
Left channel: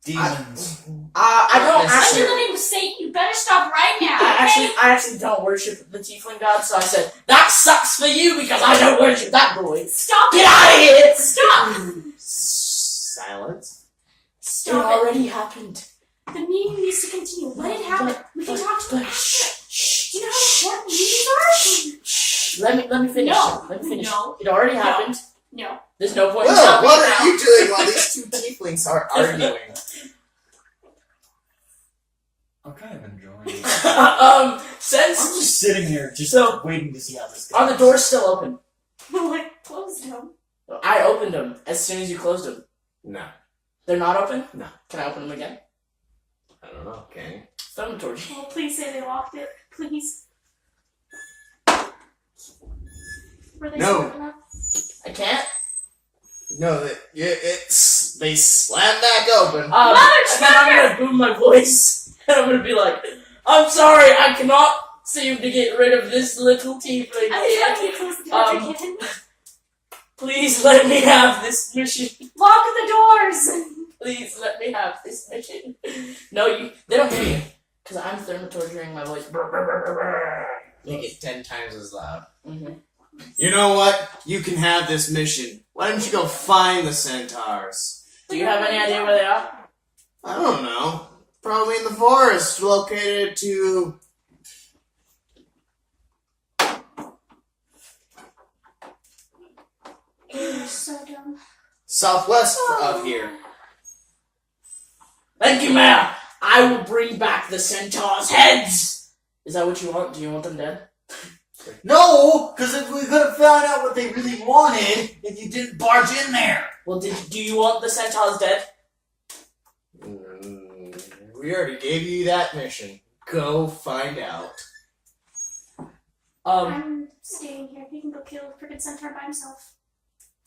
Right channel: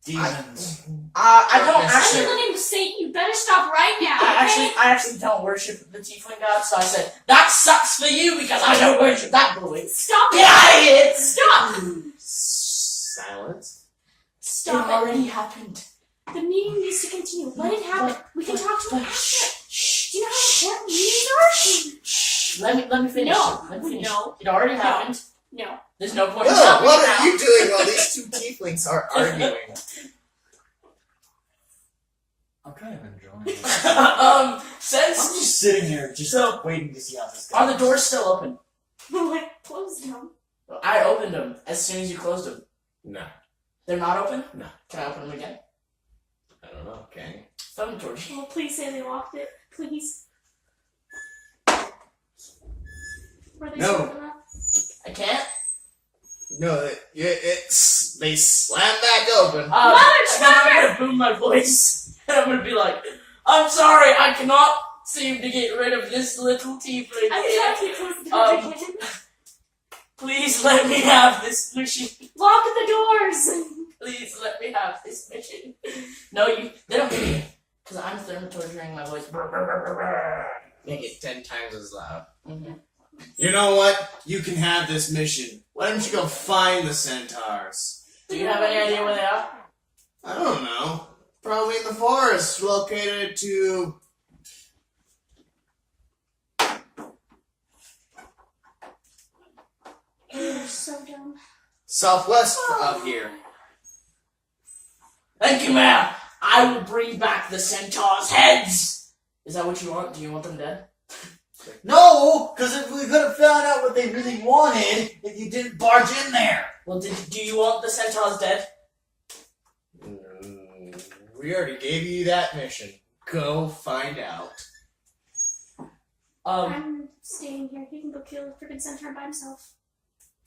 Demons. I don't Yes, I actually. think the name was Satan. You better stop right now. I actually don't worship the tiefling god, so I said that sucks for you because I don't worship that boy. Stop Get it. out of here! Stop. silence. It Stop it. already happened. The meeting needs to continue. Let it happen. We can talk to him after. Do you know how important meetings are? Let me finish. No. Let me finish. No. It already happened. No. There's no point in Well, stopping what it are now. you doing while these two tieflings are arguing? I'm kind of enjoying it. I'm Since just sitting here, just So- waiting to see how this goes. are the doors still open? Like, close them. I opened them as soon as you closed them. No. They're not open? No. Can I open them again? I don't know, okay. Throw them towards you. Oh, please say they locked it. Please. Were they No. smart enough? I can't? No, they slam back open. And then I'm gonna boom my voice. And I'm gonna be like, I'm sorry, I cannot seem to get rid of this little tiefling I'm here. trying to close the door again. Please let me have this mission. Lock the doors! Please let me have this mission. No, they don't hear you. Because I'm thermatorturing my voice. Make it 10 times as loud. Mm-hmm. You know what? You can have this mission. Why don't you go find the centaurs? Do you have any idea where they are? I don't know. Probably in the forest, located to... You're so dumb. southwest of here. Thank you, ma'am. I will bring back the centaurs' heads. Is that what you want? Do you want them dead? No, because if we could have found out what they really wanted, if you didn't barge in there. Well, do you want the centaurs dead? We already gave you that mission. Go find out. I'm staying here. He can go kill the freaking centaur by himself.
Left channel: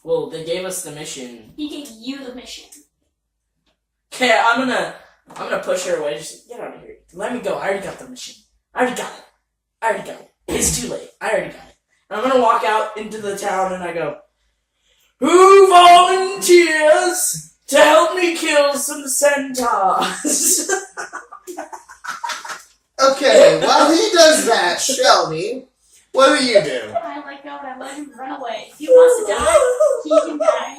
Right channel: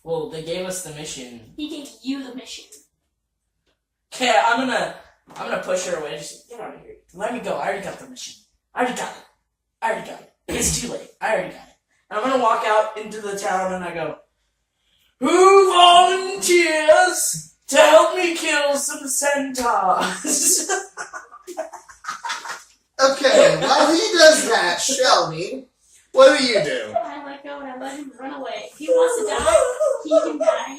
Well, they gave us the mission. He gave you the mission. Okay, I'm gonna push her away. Just get out of here. Let me go. I already got the mission. I already got it. It's too late. I already got it. And I'm gonna walk out into the town and I go, who volunteers to help me kill some centaurs? Okay, while he does that, Shelby, what do you do? I let go and I let him run away. If he wants to die, he can die.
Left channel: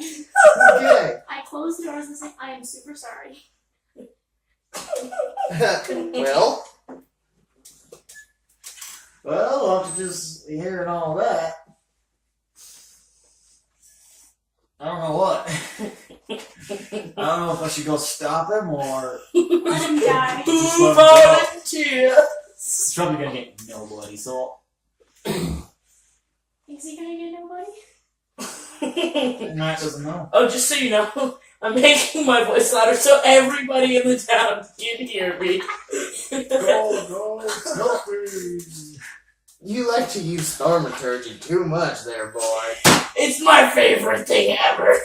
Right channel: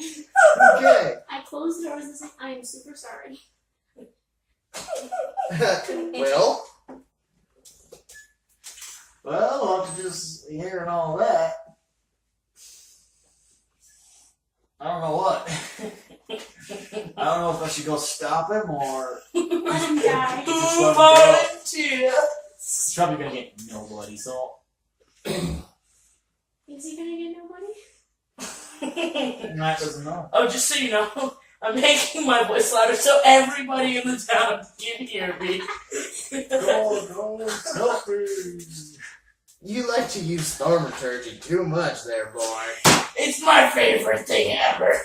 Okay. I closed the doors and said, I am super sorry. Well, Well, after just hearing all that, I don't know what. I don't know if I should go stop him or Let him die. Just Who let him go. volunteers? he's probably gonna get nobody. So Is he gonna get nobody? Matt doesn't know. Oh, just so you know, I'm making my voice louder so everybody in the town can hear me. Go, selfie. you like to use thaumaturgy too much there, boy. It's my favorite thing ever.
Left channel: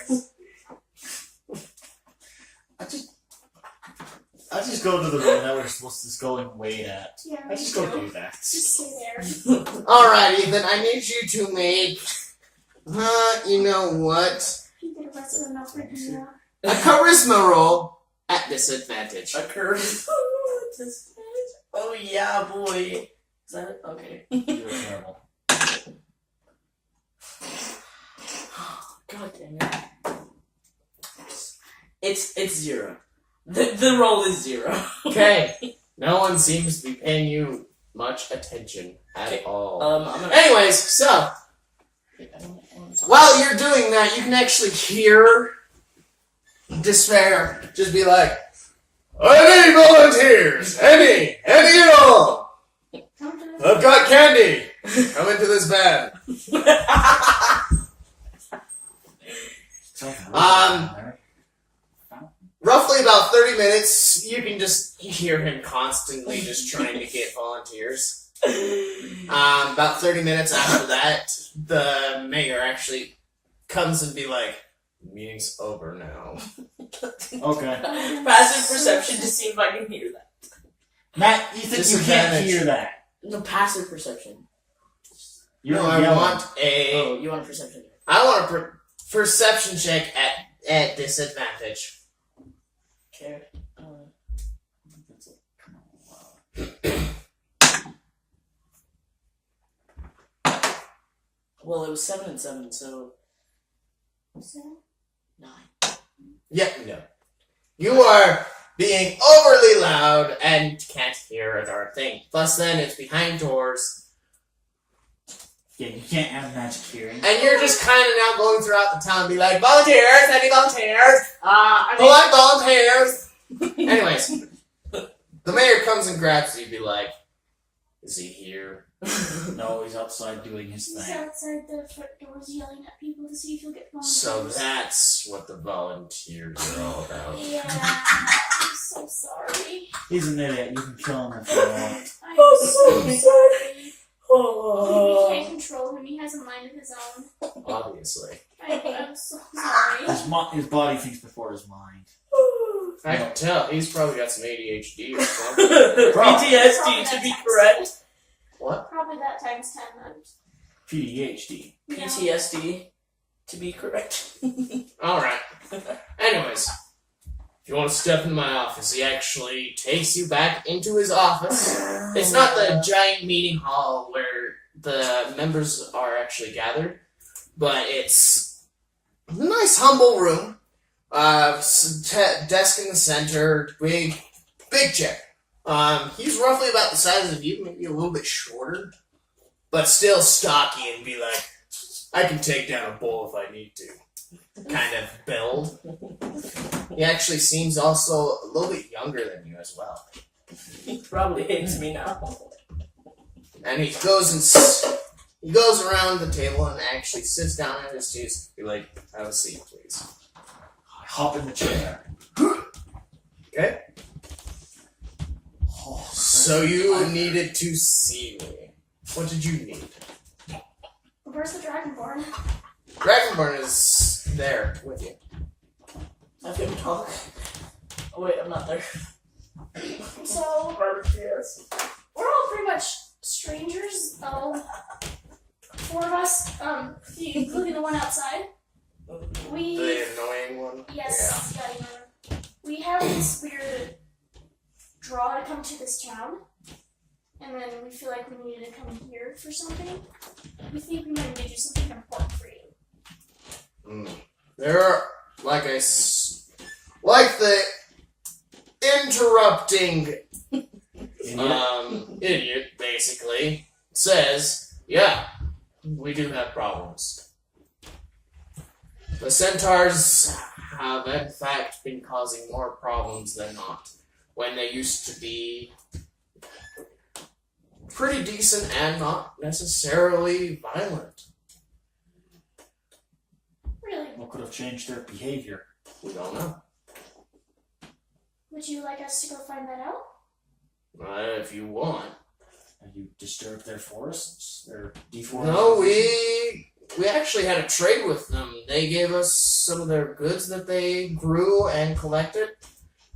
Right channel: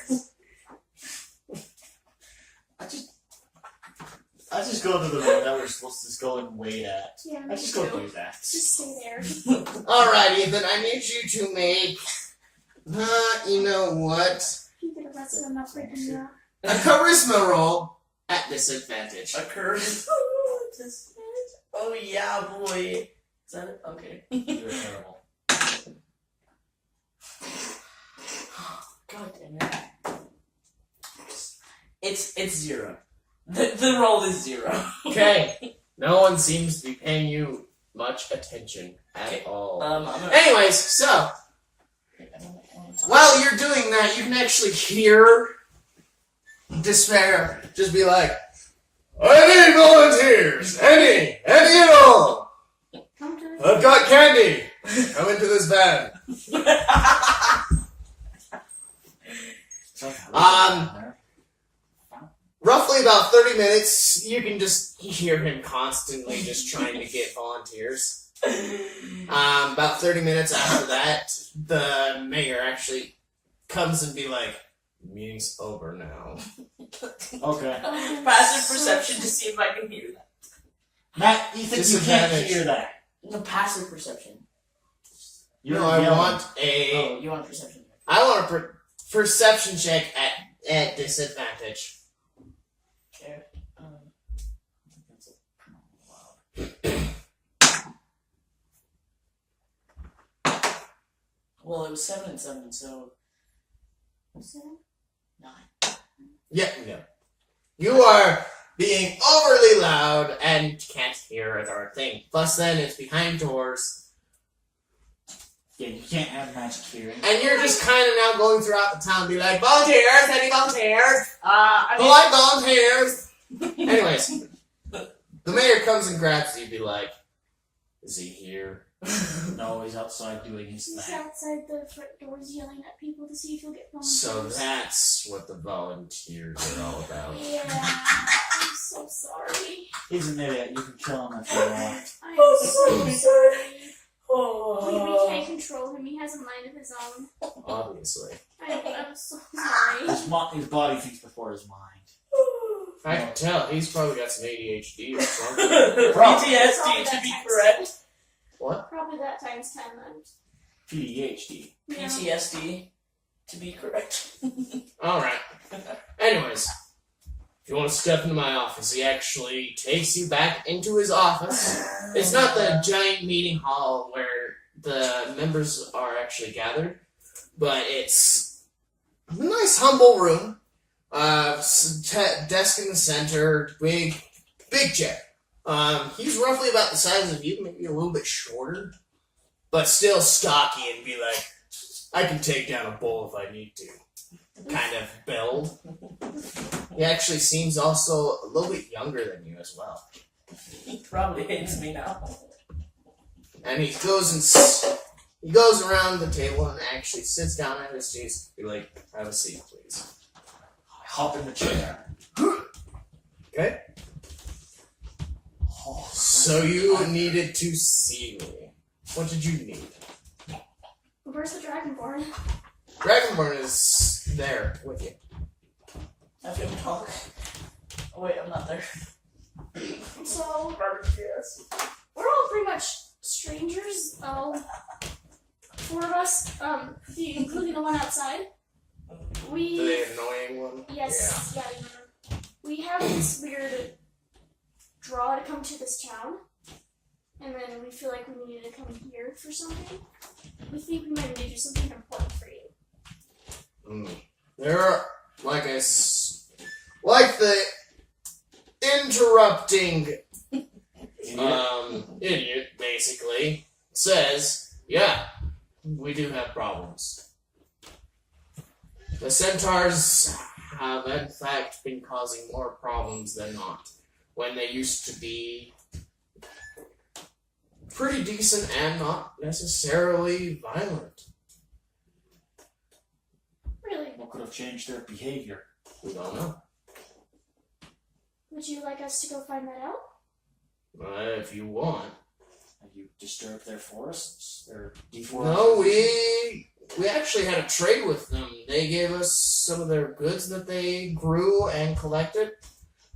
I just go to the room that we're supposed to go and wait at. Yeah, I me just go too. do that. Just stay there. Alrighty, then I need you to make... you know what? You get arrested enough for him. A charisma roll at disadvantage. Occurs. Oh yeah, boy. Is that it? Okay. You're terrible. God damn it. It's 0. The roll is 0. Okay. No one seems to be paying you much attention at Okay, all. I'm gonna. Anyways, so, while you're doing that, you can actually hear Despair just be like, any volunteers? Any at all? Come to it. I've got candy. Come into this van. Roughly about 30 minutes, you can just hear him constantly just trying to get volunteers. About 30 minutes after that, the mayor actually comes and be like, meeting's over now. Okay. Passive perception to see if I can hear that. Matt, you think you can't Disadvantage. hear that? The passive perception. You're No, I yelling. want Oh, you want a perception? I want a perception check at disadvantage. Okay. Well, it was 7 and 7, so 9. Yeah, no. You are being overly loud and can't hear a darn thing. Plus, then it's behind doors, Yeah, you can't have magic hearing. and you're just kind of now going throughout the town, be like, volunteers, any volunteers? I Who like volunteers? Anyways, the mayor comes and grabs you, be like, is he here? No, he's outside doing his He's thing. outside the front doors yelling at people to see if he'll get volunteers. So that's what the volunteers are all about. Yeah, I'm so sorry. He's an idiot. You can kill him if you want. I'm so sorry. We Oh. can't control him. He has a mind of his own. Obviously. I'm so sorry. His body thinks before his mind. I can tell, he's probably got some ADHD or something. PTSD to be correct. What? Probably that times 10 then. PDHD. Yeah. PTSD to be correct. Alright. Anyways, if you want to step into my office, he actually takes you back into his office. It's not the giant meeting hall where the members are actually gathered, but it's a nice, humble room. Desk in the center, big chair. He's roughly about the size of you, maybe a little bit shorter, but still stocky and be like, I can take down a bull if I need to. Kind of build. He actually seems also a little bit younger than you as well. He probably hates me now. And he goes around the table and actually sits down at his seat. Be like, have a seat, please. I hop in the chair. Okay. Oh, So you needed to see me. What did you need? Where's the Dragonborn? Dragonborn is there with you. Have him talk. Oh wait, I'm not there. So, Yes. we're all pretty much strangers. Four of us, including the one outside. We... The annoying one? Yes, yeah, you remember. We have this weird draw to come to this town, and then we feel like we needed to come here for something. We think we might need to do something important for you. There are, like the interrupting idiot, basically, says, yeah, we do have problems. The centaurs have, in fact, been causing more problems than not, when they used to be pretty decent and not necessarily violent. Really? What could have changed their behavior? We don't know. Would you like us to go find that out? If you want. Have you disturbed their forests? Their deforestation? No, we actually had a trade with them. They gave us some of their goods that they grew and collected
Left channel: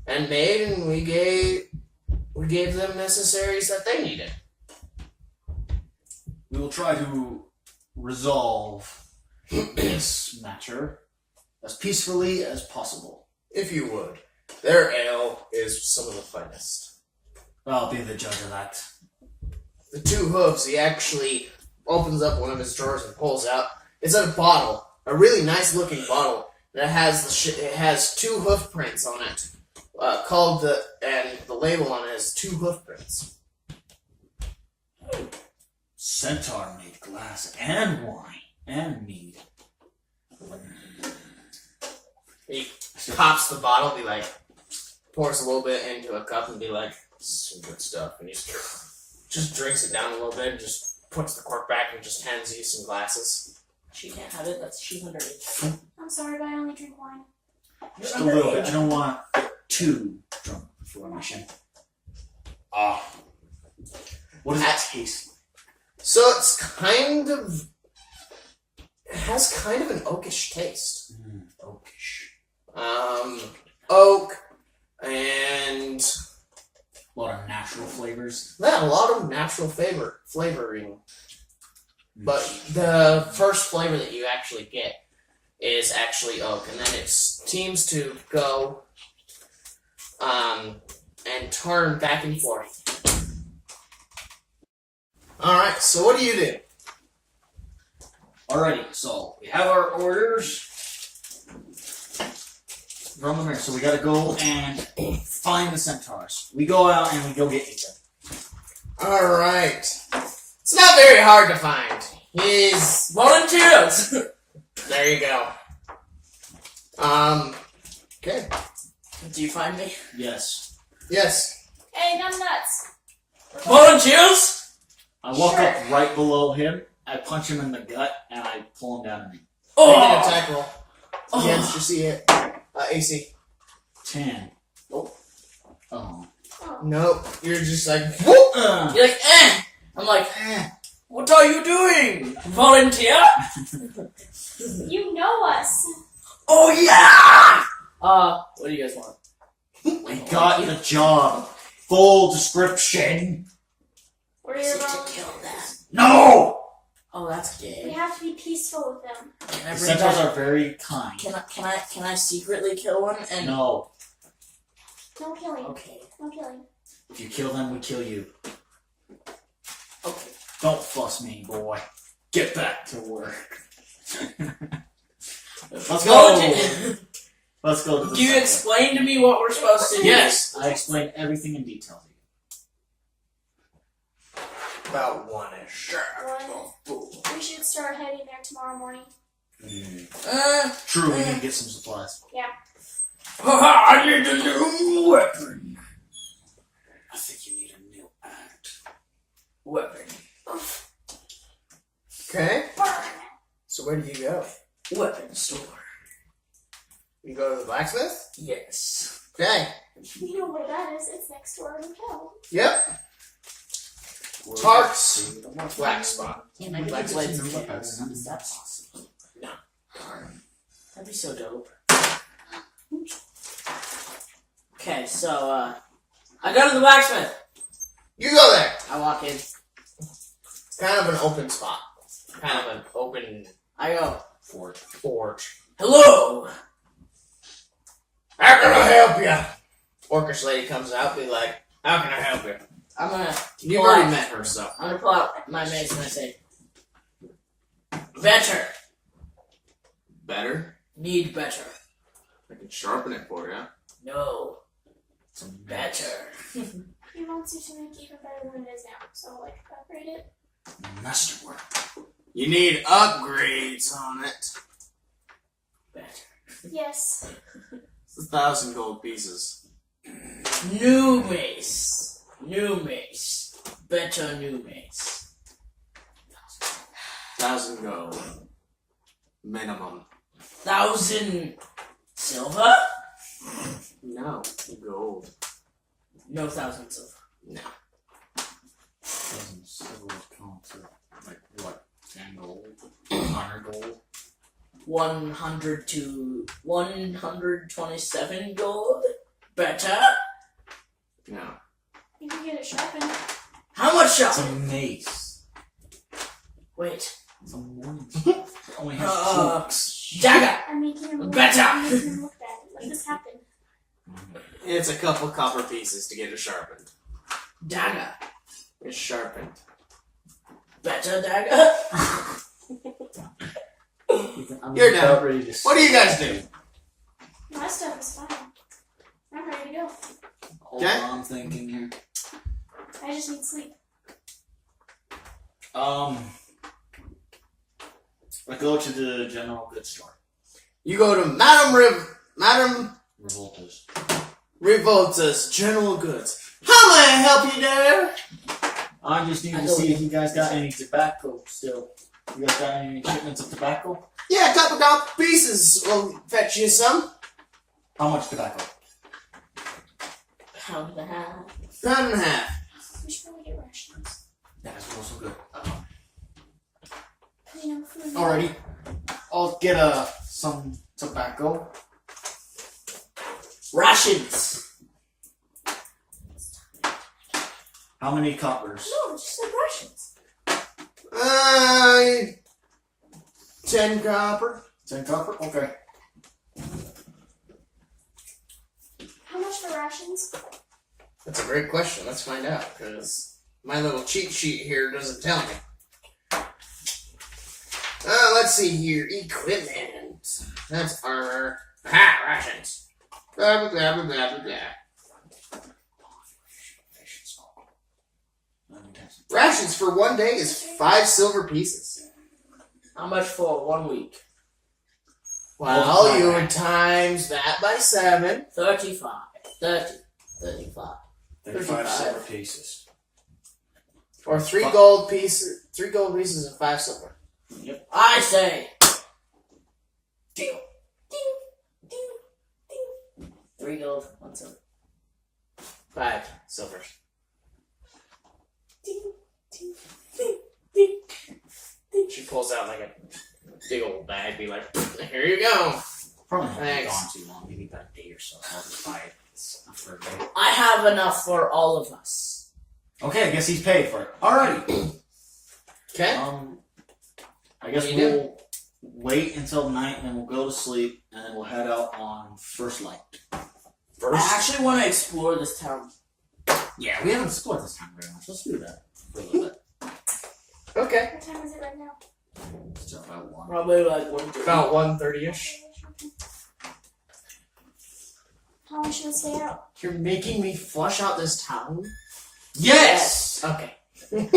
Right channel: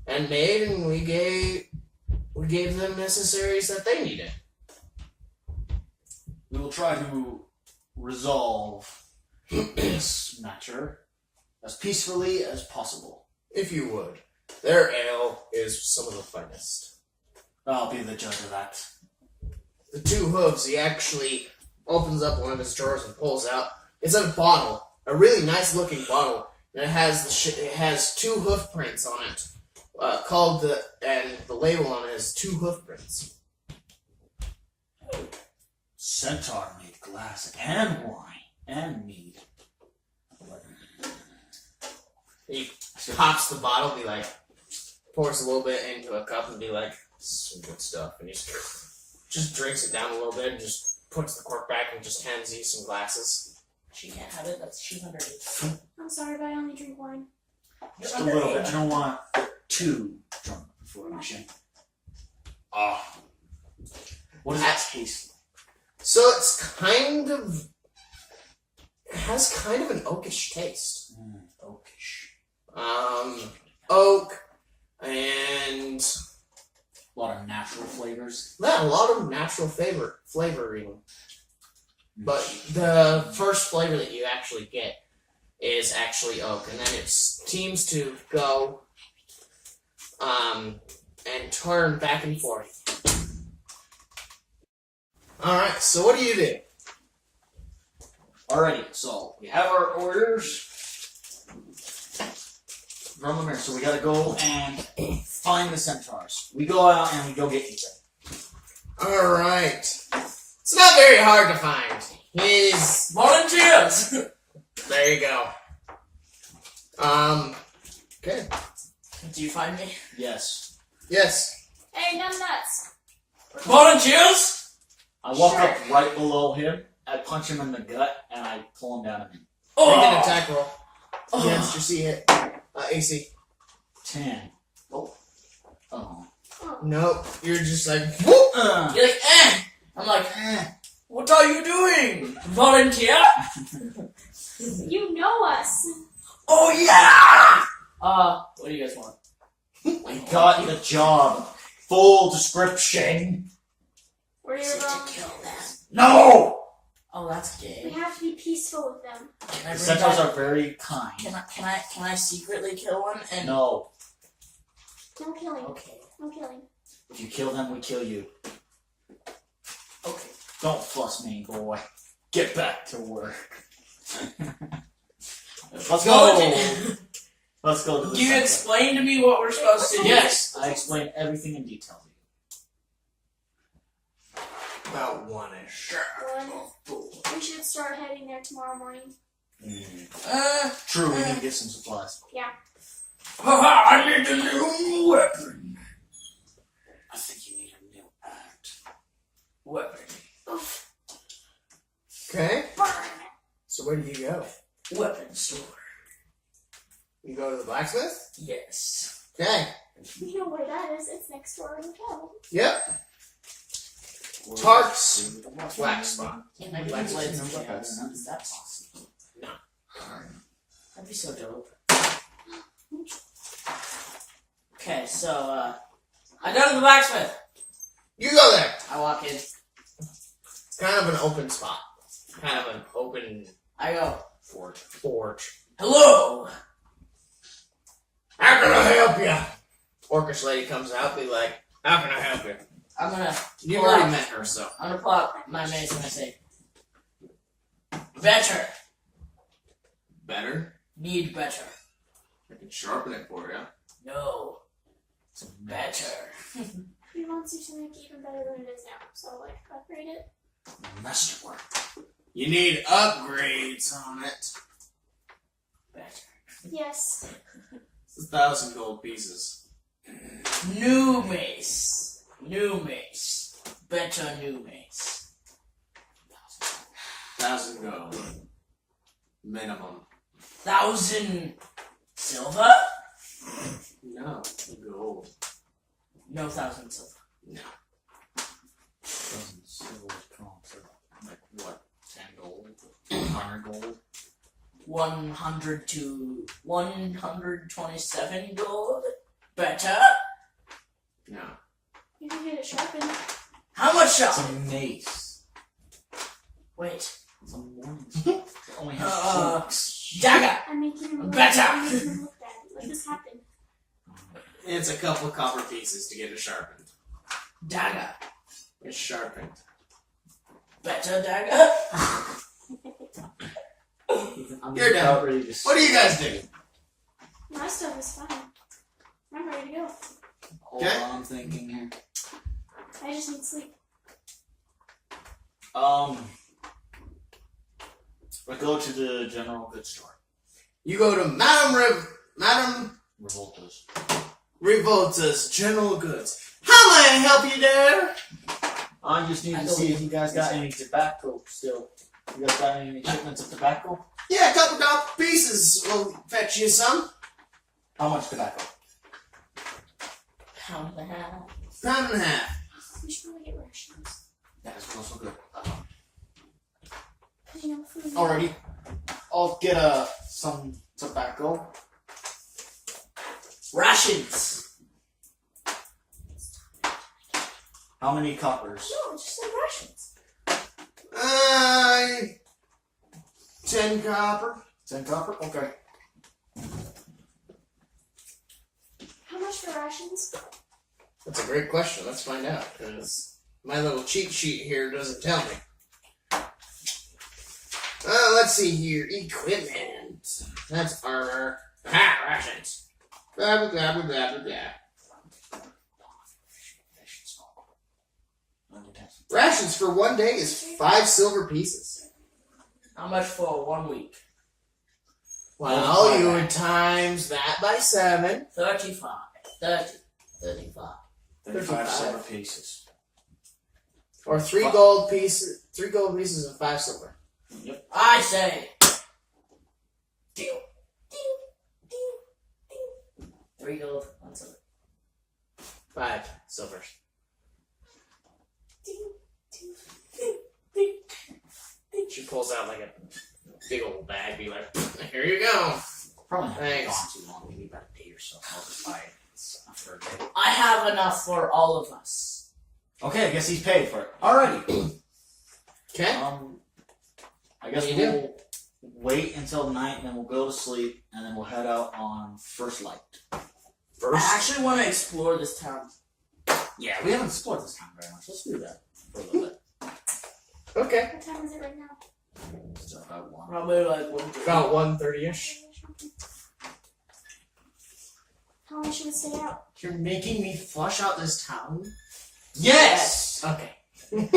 and made, and we gave them necessaries that they needed. We will try to resolve this matter as peacefully as possible. If you would. Their ale is some of the finest. I'll be the judge of that. The two hooves, he actually opens up one of his drawers and pulls out. It's a bottle, a really nice looking bottle, and it has two hoof prints on it. And the label on it is two hoof prints. Centaur made glass and wine and mead. He pops the bottle, be like, pours a little bit into a cup and be like, some good stuff. And he just drinks it down a little bit and just puts the cork back and just hands you some glasses. She can't have it. She's underage. I'm sorry, but I only drink wine. You're Just a little bit. underage. I don't want to get too drunk before a mission. Ah. What does that taste like? So it has kind of an oakish taste. Oakish. Oak and A lot of natural flavors. yeah, a lot of natural flavoring. But the first flavor that you actually get is actually oak, and then it seems to go and turn back and forth. Alright, so what do you do? Alrighty, so we have our orders. run them here. So we gotta go and find the centaurs. We go out and we go get Ethan. Alright. It's not very hard to find. He's... Volunteers! There you go. Okay. Do you find me? Yes. Yes. Hey, numb nuts. Volunteers? I walk Sure. up right below him. I punch him in the gut and I pull him down to me. Make an Oh! attack roll. Oh. Against your C hit. AC. 10. Oh. Oh. Nope. You're just like, whoop! You're like, eh! I'm like, what are you doing? Volunteer? You know us. Oh yeah! What do you guys want? I got the job. Full description. We're To here kill them. No! Oh, that's We gay. have to be peaceful with them. Can I The bring centaurs back? are very kind. Can I secretly kill one? And No. No killing. okay, No killing. If you kill them, we kill you. okay. Don't fuss me, boy. Get back to work. Let's go. Volunteer. Let's go to the Do you centaur. explain to me what we're supposed to do? Yes. I explained everything in detail to you. About one-ish. Sure. One. We should start heading there tomorrow morning. True, we need to get some supplies. I need a new weapon. I think you need a new act. Weapon. Okay. Burn. So where do you go? Weapon store. You go to the blacksmith? Yes. Okay. You know where that is. It's next door in the town. Yep. Tark's wax spot. Can I get Black the blades blades. and cats? Is that possible? No. Darn. That'd be so dope. Okay, so, I go to the blacksmith. You go there. I walk in. It's kind of an open spot. Kind of an open I go, forge. hello! How can I help you? Orcish lady comes out, be like, how can I help you? I'm gonna You've pull already out- met her, so. I'm gonna pull out my mace and I say, better. Better? Need better. I can sharpen it for you. No. Better. He wants you to make it even better than it is now. So, like, upgrade it. Masterwork. You need upgrades on it. Better. Yes. It's 1,000 gold pieces. New mace. New mace. Better new mace. 1,000 gold. Minimum. 1,000 silver? No. Gold. No 1,000 silver. No. Doesn't silver count to, like, what? 10 gold? 100 gold? 100 to 127 gold? Better? No. You can get it sharpened. How much It's shot? a mace. Wait. It's a mace. It only has hooks. Dagger! I'm making him look Better. I'm making him look bad. Let this happen. It's a couple copper pieces to get it sharpened. Dagger. It's sharpened. Better dagger? I'm You're done. about ready to What do you guys do? My stuff is fine. I'm ready to go. Hold Okay. on, thinking here. I just need sleep. I go to the general goods store. You go to Madame Revoltas. Revolta's General Goods. How may I help you there? I just need I to don't see if know. you guys got any tobacco still. You guys got any shipments of tobacco? Yeah, a couple copper pieces will fetch you some. How much tobacco? Pound and a half. Pound and a half. We should probably get rations. That is also good. You know, food. Alrighty. I'll get some tobacco. Rations. How many coppers? No, it's just like rations. 10 copper. 10 copper? Okay. How much for rations? That's a great question. Let's find out, because my little cheat sheet here doesn't tell me. Let's see here. Equipment. That's armor. Ha! Rations. Blah, blah, blah, blah, blah, blah. Rations for 1 day is 5 silver pieces. How much for 1 week? Well, you would times that by 7. 35. 30. 35. 35 silver pieces. Or 3 gold pieces. 3 gold pieces and 5 silver. Yep. I say. 3 gold, 1 silver. 5 silver. She pulls out like a big old bag, be like, here you go. Probably not Thanks. gone too long, maybe about a day or so. I'll just buy it. It's enough for a day. I have enough for all of us. Okay, I guess he's paid for it. Alrighty. Okay. I guess What do you we'll wait until night and then we'll go to sleep and then we'll head out on first light. I actually want to explore this town. Yeah, we haven't explored this time very much. Let's do that for a little bit. Okay. What time is it right now? It's about 1. Probably like 1 About 1:30ish. How long should we stay out? You're making me flush out this town? Yes! Okay. Where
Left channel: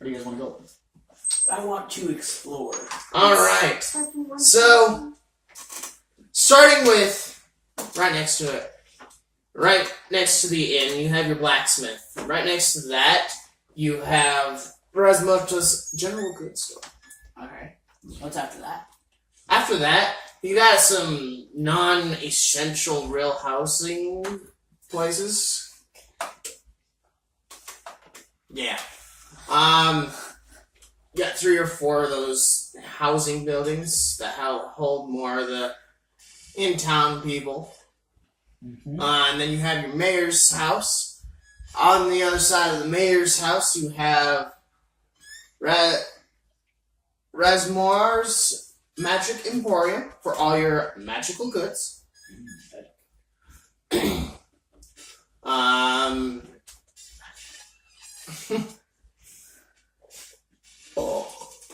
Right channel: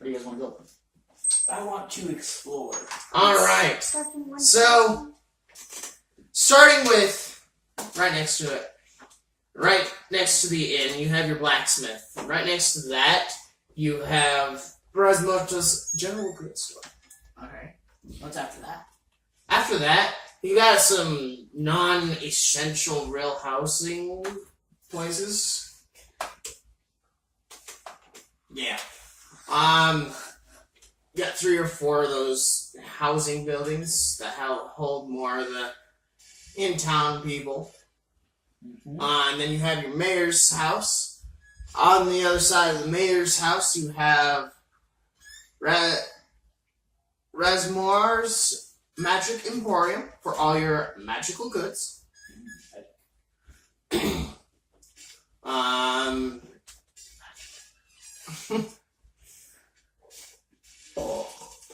do you guys want to go? I want to explore. Alright. Starting one So- time. Starting with right next to it. Right next to the inn, you have your blacksmith. Right next to that, you have Rasmuta's general goods store. Okay. What's after that? After that, you got some non-essential real housing places. Yeah. You got 3 or 4 of those housing buildings that hold more of the in-town people. Mm-hmm. And then you have your mayor's house. On the other side of the mayor's house, you have Rasmoir's Magic Emporium for all your magical goods.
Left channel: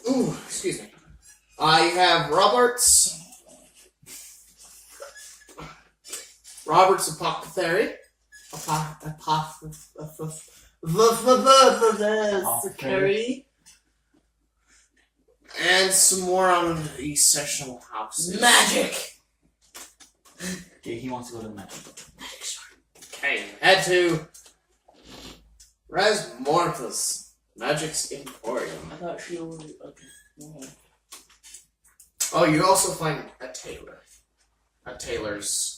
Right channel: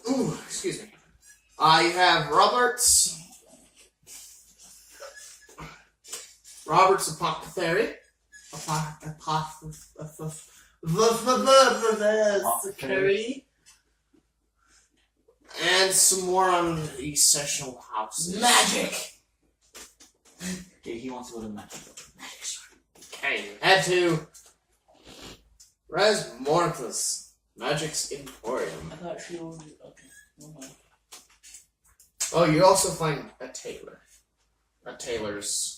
Ooh, excuse me. You have Robert's Apothecary. Apothecary. And some more on the essential houses. Magic! Okay, he wants to go to the magic. Okay, head to Rasmorthus Magic's Emporium. I thought she was. Okay. Mhm. Oh, you also find a tailor. A tailor's.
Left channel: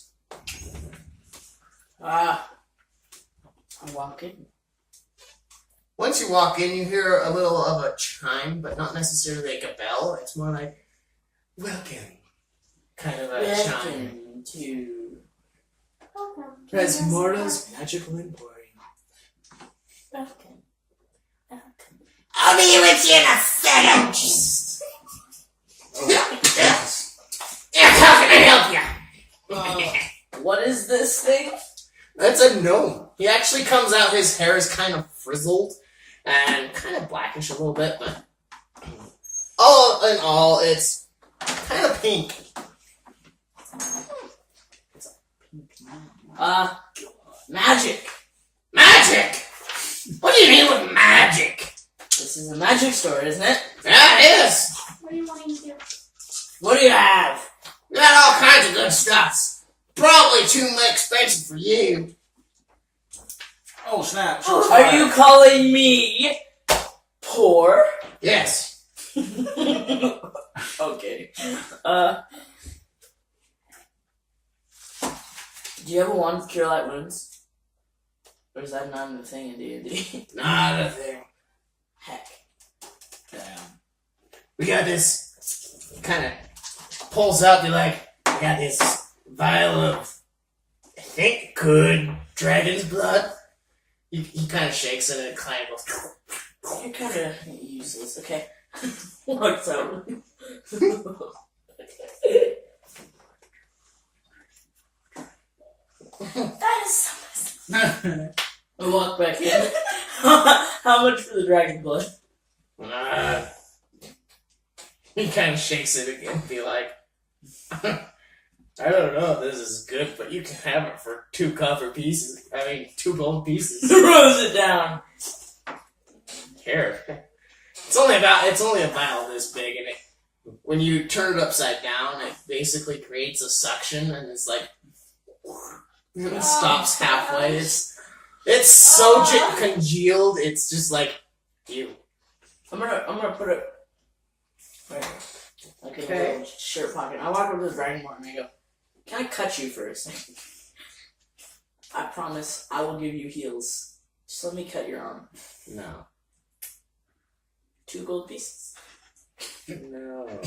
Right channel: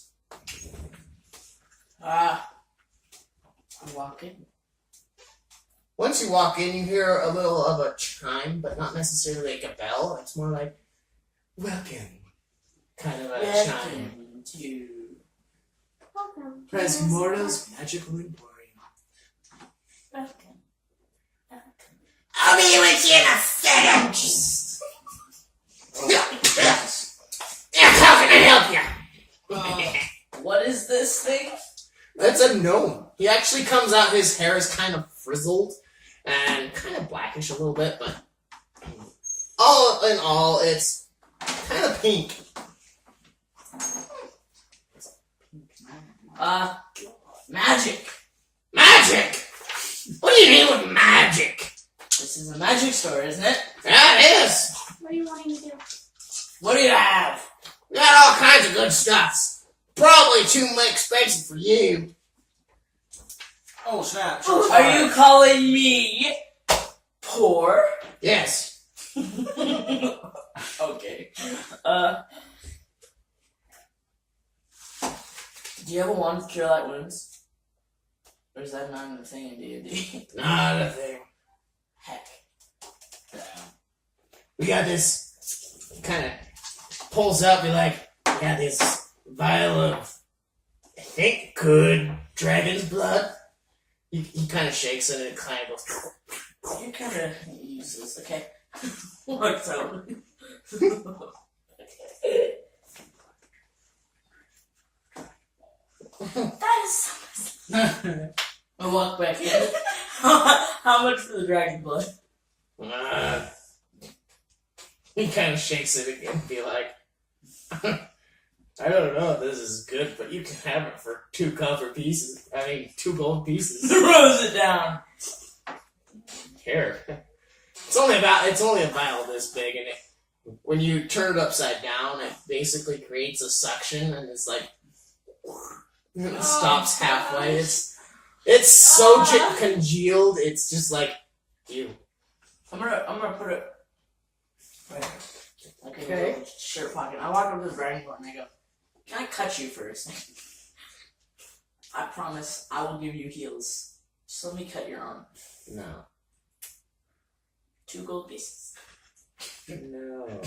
I walk in. Once you walk in, you hear a little of a chime, but not necessarily like a bell. It's more like, welcome, kind of a chime. Welcome to. Welcome. Rasmorthus Magical Emporium. Welcome. Welcome. I'll be with you in a second! How can I help you? What is this thing? That's a gnome. He actually comes out, his hair is kind of frizzled and kind of blackish a little bit, but all in all, it's kind of pink. Magic. Magic! What do you mean with magic? This is a magic store, isn't it? Yeah, it is. What are you wanting to do? What do you have? We got all kinds of good stuff. Probably too expensive for you. Oh, snap. Are you calling me poor? Yes. Okay. Do you have a wand to cure light wounds? Or is that not a thing in D&D? Not a thing. Heck. Damn. We got this, kind of pulls out, be like, we got this vial of, I think, good dragon's blood. He kind of shakes it and it kind of goes. You're kind of useless. Okay. What's up? That is so nice. I walk back in. How much for the dragon blood? He kind of shakes it again, be like, I don't know if this is good, but you can have it for 2 copper pieces. 2 gold pieces. Throws it down. Here. It's only a vial this big, and when you turn it upside down, it basically creates a suction, and it's like it stops halfway. It's so congealed. It's just like you. I'm gonna put it right here, like in a little shirt pocket. I walk over to the dragonborn and I go, "Can I cut you for a second? I promise I will give you heals. Just let me cut your arm. No. 2 gold pieces. No.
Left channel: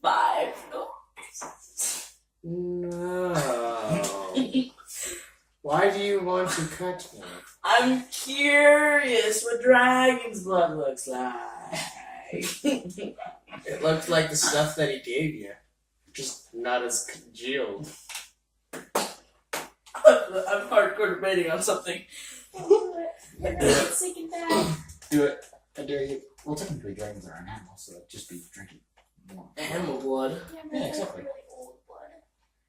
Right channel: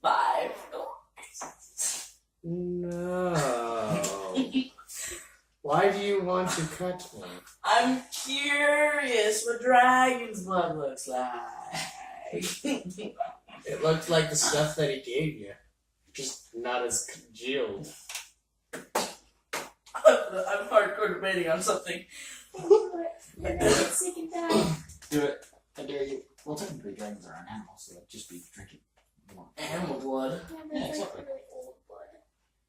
5 gold pieces. No. Why do you want to cut me? I'm curious what dragon's blood looks like." It looked like the stuff that he gave you, just not as congealed. I'm hardcore debating on something. It's sick and bad. Do it. I dare you. Well, technically, dragons are an animal, so it'd just be drinking more. Animal blood. Yeah, exactly. really old blood.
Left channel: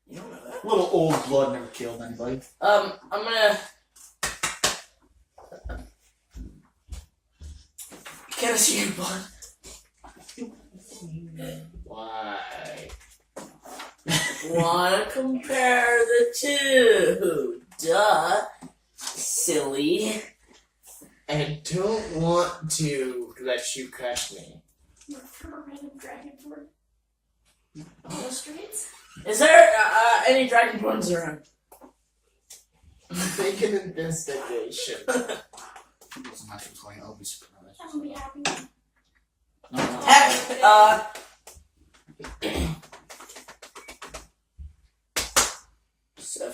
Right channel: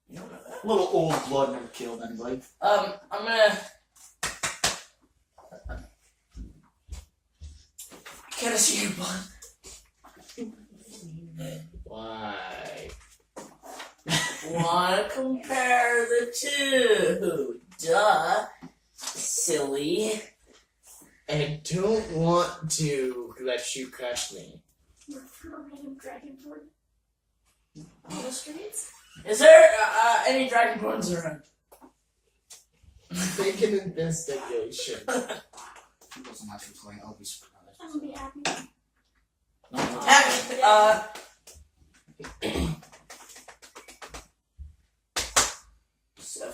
You don't know that? Little old blood never killed anybody. I'm gonna. Can I see your blood? Why? Wanna compare the two? Duh. Silly. I don't want to let you cut me. Look for a random dragonborn. On the streets? Is there any dragonborns around? Make an investigation. It wasn't actually playing. I'll be surprised. I'm gonna be happy. No, no. Heck, 7.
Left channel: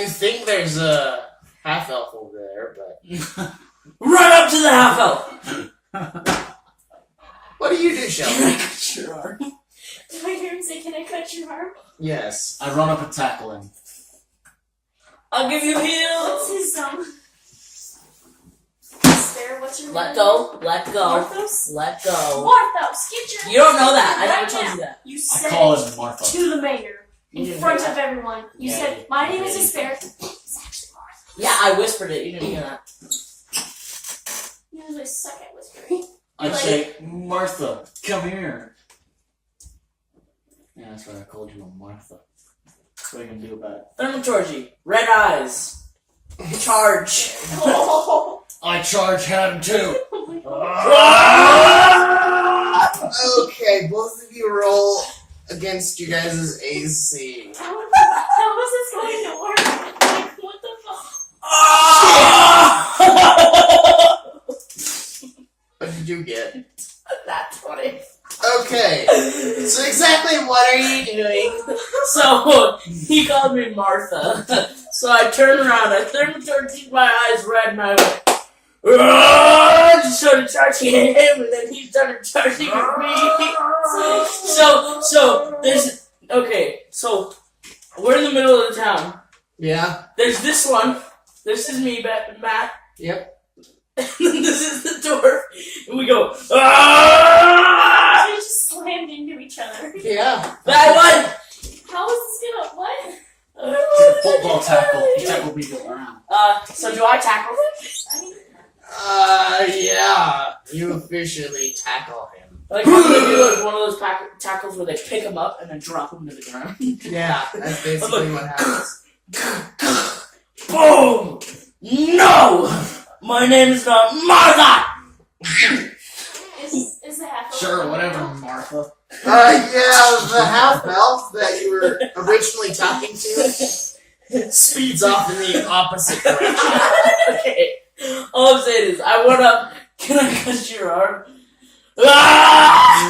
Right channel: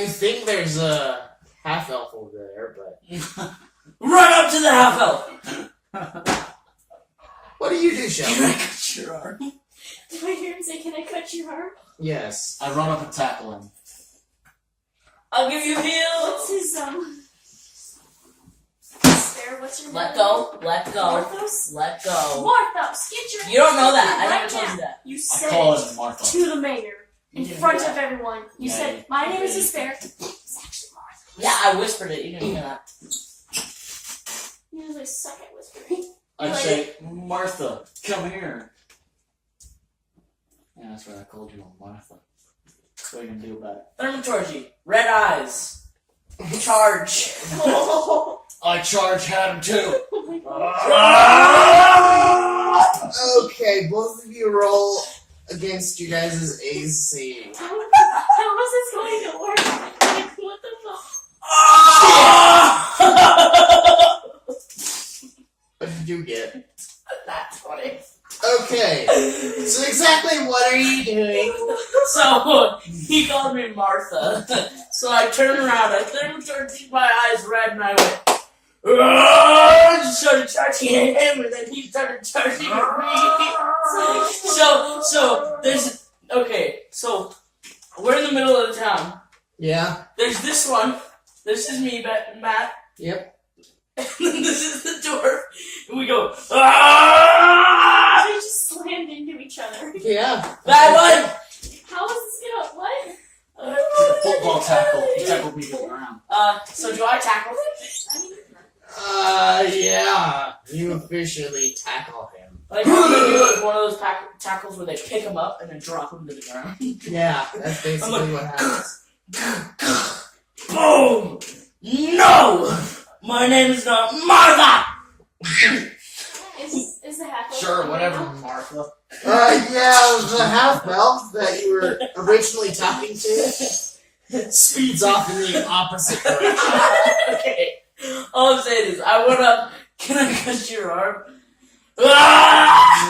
You think there's a half elf over there, but Run up to the half elf. what do you do, Shelby? Your arm. Did I hear him say, "Can I cut your arm?" Yes. I run up and tackle him. I'll give you What's heals. his Spare, what's your Let name? go. Let go. Marthos? Let go. Marthos, get your You don't know that. I right never told now. you that. You I said call it him Martha. to the mayor You in didn't front hear of that. everyone. You Yeah, said, you- "My name yeah, is you Despair." It's actually Martha. Yeah, I whispered it. You didn't hear that. You usually suck at whispering. I'd Like- say, Martha, come here. Yeah, that's right. I called you a Martha. What are you gonna do about it? Thermaturgy. Red eyes. Charge. Oh, I charge had him too. my God. Okay, both of you roll against you guys' AC. How is this going to work? Like, what the fuck? What did you get? That's funny. Okay, so exactly what are you doing? So, he called me Martha. So I turned around, I thermaturged my eyes red, and I went, "Argh!" Just started charging at him, and then he started charging at me. So, there's, okay, so, we're in the middle of the town. Yeah? There's this one. This is me, Matt. Yep. And then this is the door. And we go, "Ah!" They just slammed into each other. Yeah. I won! How is this gonna, what? Football tackle. He tackled me to the ground. So do I tackle him? I mean, Yeah. You officially tackle him. Like, I'm gonna do like one of those tackles where they pick him up and then drop him to the ground. Yeah, that's basically what happens. Boom! No! My name is not Martha! is the half Sure, whatever, Martha. Yeah, the half-elf that you were originally talking to speeds off in the opposite direction. Okay. All I'm saying is, I went up, "Can I cut your arm?" Ah!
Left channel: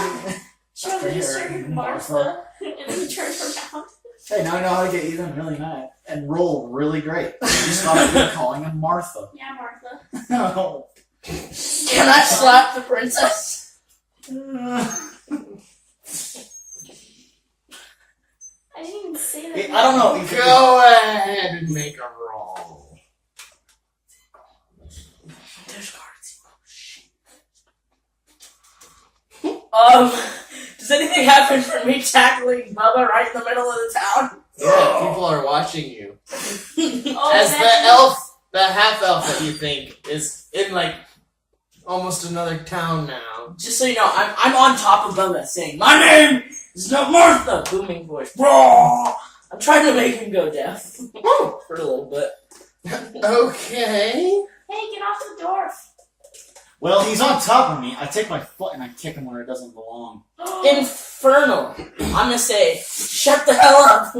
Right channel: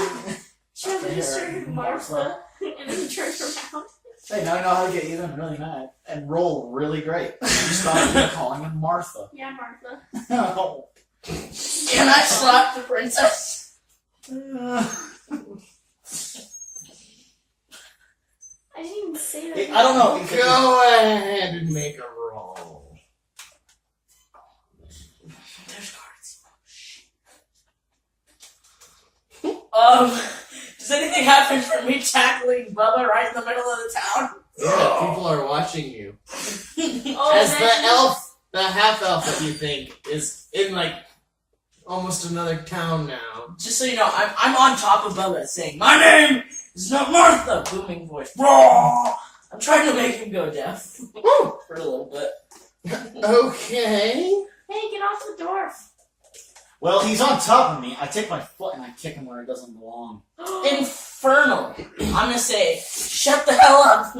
She has a history of Martha, and then turned around. Hey, now I know how to get even really mad and roll really great. You stop calling him Martha. Yeah, Martha. No. Can I slap the princess? I didn't even say that. I don't know. You could Go ahead and make a roll. There's cards. Does anything happen for me tackling Bubba right in the middle of the town? Yeah, people are watching you. Oh, As that- the half elf that you think is in like almost another town now. Just so you know, I'm on top of Bubba saying, "My name is not Martha." Booming voice. Raw. I'm trying to make him go deaf for a little bit. Okay. Hey, get off the dwarf. Well, he's on top of me. I take my foot and I kick him where it doesn't belong. Infernal. I'm gonna say, "Shut the hell up."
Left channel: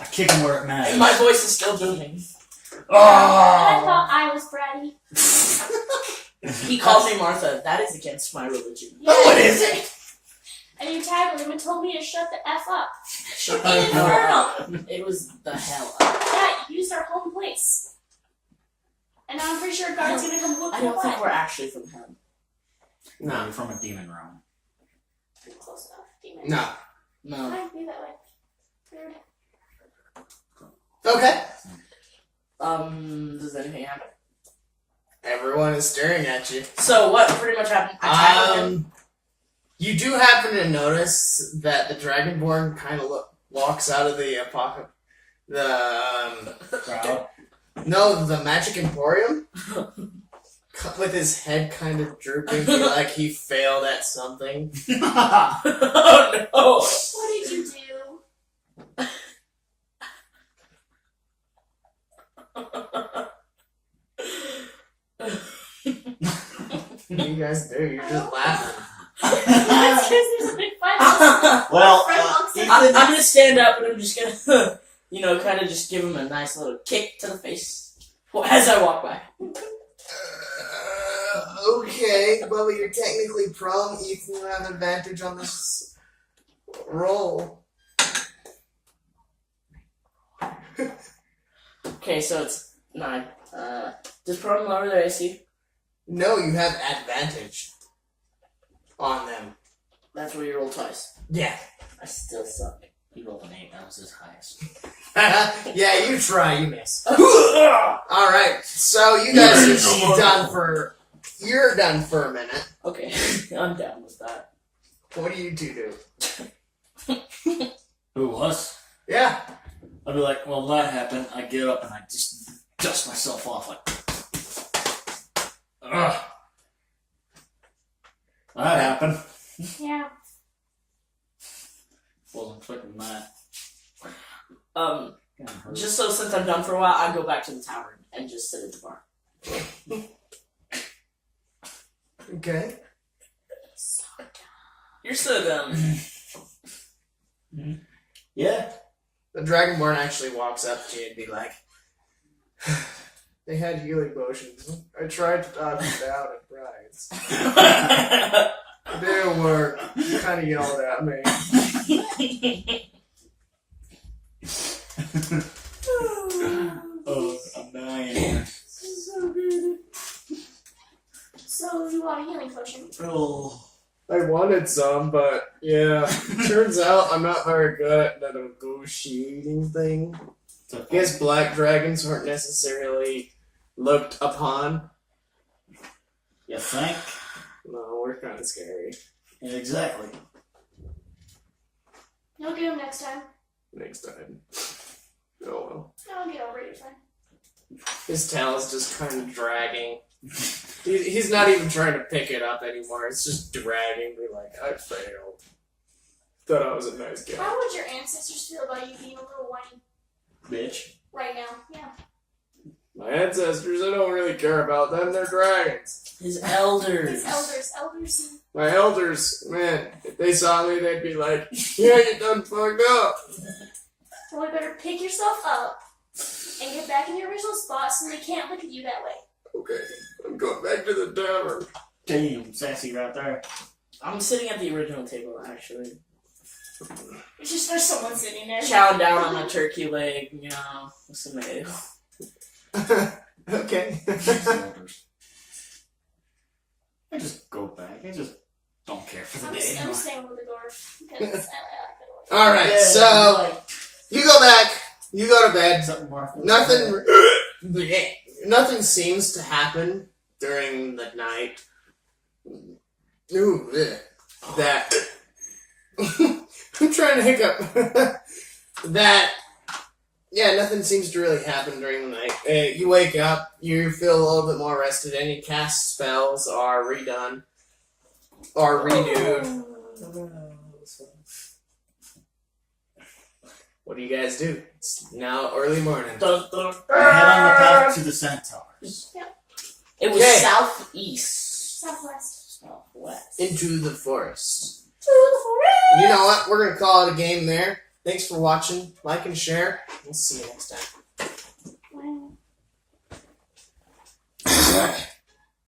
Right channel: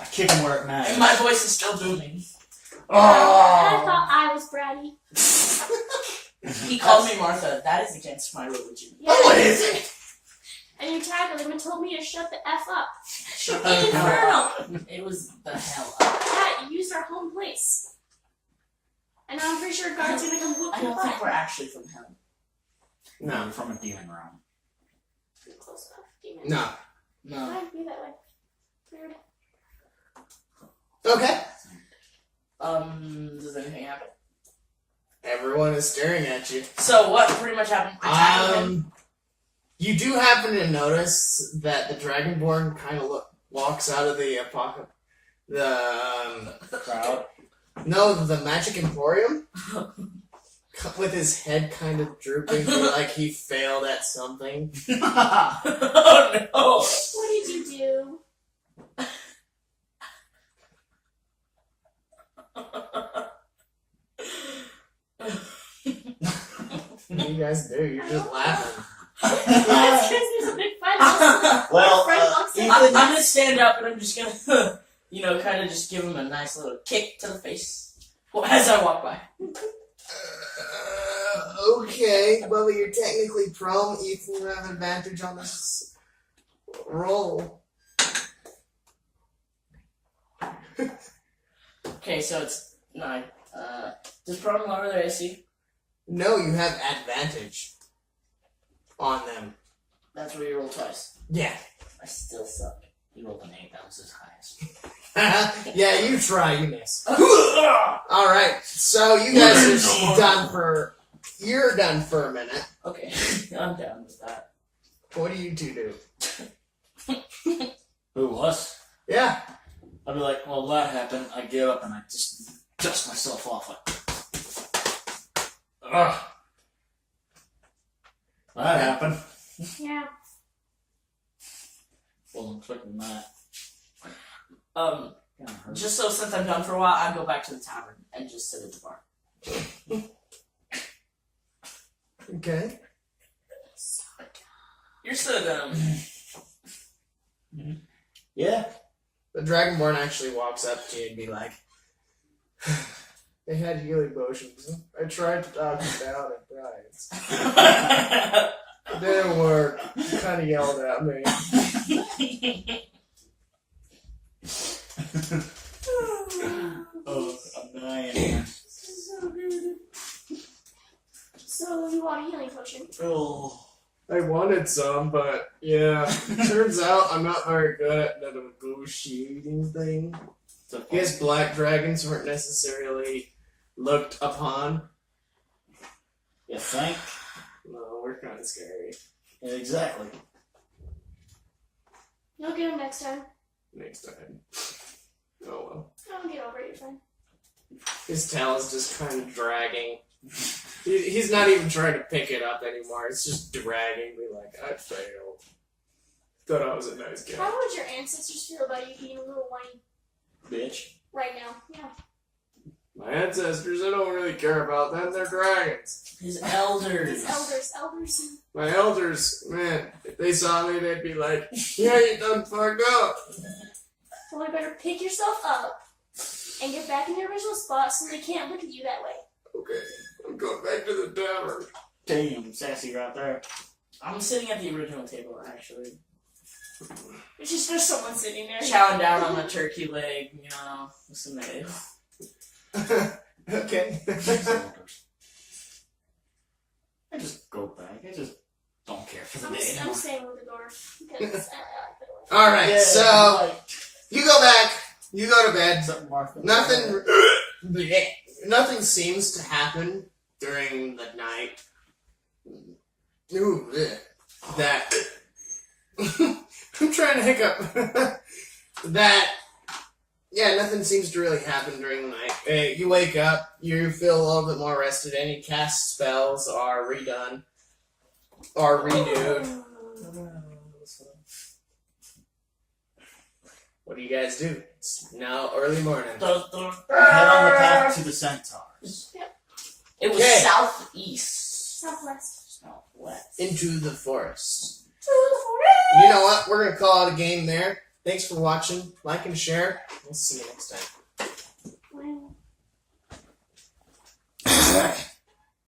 I kick him where it And matters. my voice is still booming. And I Oh! thought I was bratty. He called me Martha. That is against my religion. No, it isn't. And you tackled him and told me to shut the F up. Shut the hell up. It was the hell up. Yeah, you used our home place. And I'm pretty sure God's gonna come whoop I your don't think butt. we're actually from hell. No, No. you're from a demon realm. Pretty close enough. Demon. No. No. Might be that way. Weird. Okay. Does anything happen? Everyone is staring at you. So what pretty much happened? I tackled him. You do happen to notice that the Dragonborn kind of walks out of the apocalypse. Crowd. No, the Magic Emporium. With his head kind of drooping, like he failed at something. Oh no! What did you do? What do you guys do? You're just laughing. That's because there's a big fight. Well, Friend walks in. I'm gonna stand up and I'm just gonna, kind of just give him a nice little kick to the face as I walk by. Okay, well, you're technically prone. Ethan, you have advantage on this roll. Okay, so it's 9. Does prone lower their AC? No, you have advantage on them. That's where you roll twice. Yeah. I still suck. he rolled an 8. That was his highest. Yeah, you try, you miss. Alright, so you guys are done for... You're done for a minute. Okay, I'm down with that. What do you two do? Who was? Yeah. I'd be like, well, that happened. I get up and I just dust myself off like, ugh. That happened. Yeah. Wasn't expecting that. Kinda hurt. Just so since I'm done for a while, I go back to the tavern and just sit at the bar. Okay. You're so dumb. Yeah. The Dragonborn actually walks up to you and be like, they had healing potions. I tried to knock them down at Bride's. It didn't work. You kind of yelled at me. Oh, I'm dying. So good. So you want a healing potion? Oh. I wanted some, but yeah. Turns out I'm not very good at the negotiating thing. I guess black dragons weren't necessarily looked upon. You think? No, we're kind of scary. Yeah, exactly. You'll get him next time. Next time. Oh well. I'll get over it. Fine. His tail is just kind of dragging. He's not even trying to pick it up anymore. It's just dragging me like, I failed. Thought I was a nice guy. How would your ancestors feel about you being a little whiny Bitch. right now? Yeah. My ancestors, I don't really care about them. They're dragons. His elders. His elders. My elders, man, if they saw me, they'd be like, yeah, you done fucked up. Well, you better pick yourself up and get back in your original spot so they can't look at you that way. Okay, I'm going back to the tavern. Damn, sassy right there. I'm sitting at the original table, actually. It's just there's someone sitting there. Chowing down on a turkey leg, with some ale. Okay. I just go back. I just don't care for the I'm day I'm anymore. staying with the dwarf because I like it. Alright, Yeah, so like, you go back, you go to bed. Something Martha. Nothing seems to happen during the night. Ooh, ugh. That. I'm trying to hiccup. That. Yeah, nothing seems to really happen during the night. You wake up, you feel a little bit more rested. Any cast spells are redone. Or renewed. What do you guys do? It's now early morning. I head on the path to the centaurs. It was Okay. southeast. Southwest. Southwest. Into the forest. And you know what? We're going to call it a game there. Thanks for watching. Like and share. We'll see you next time. Wow.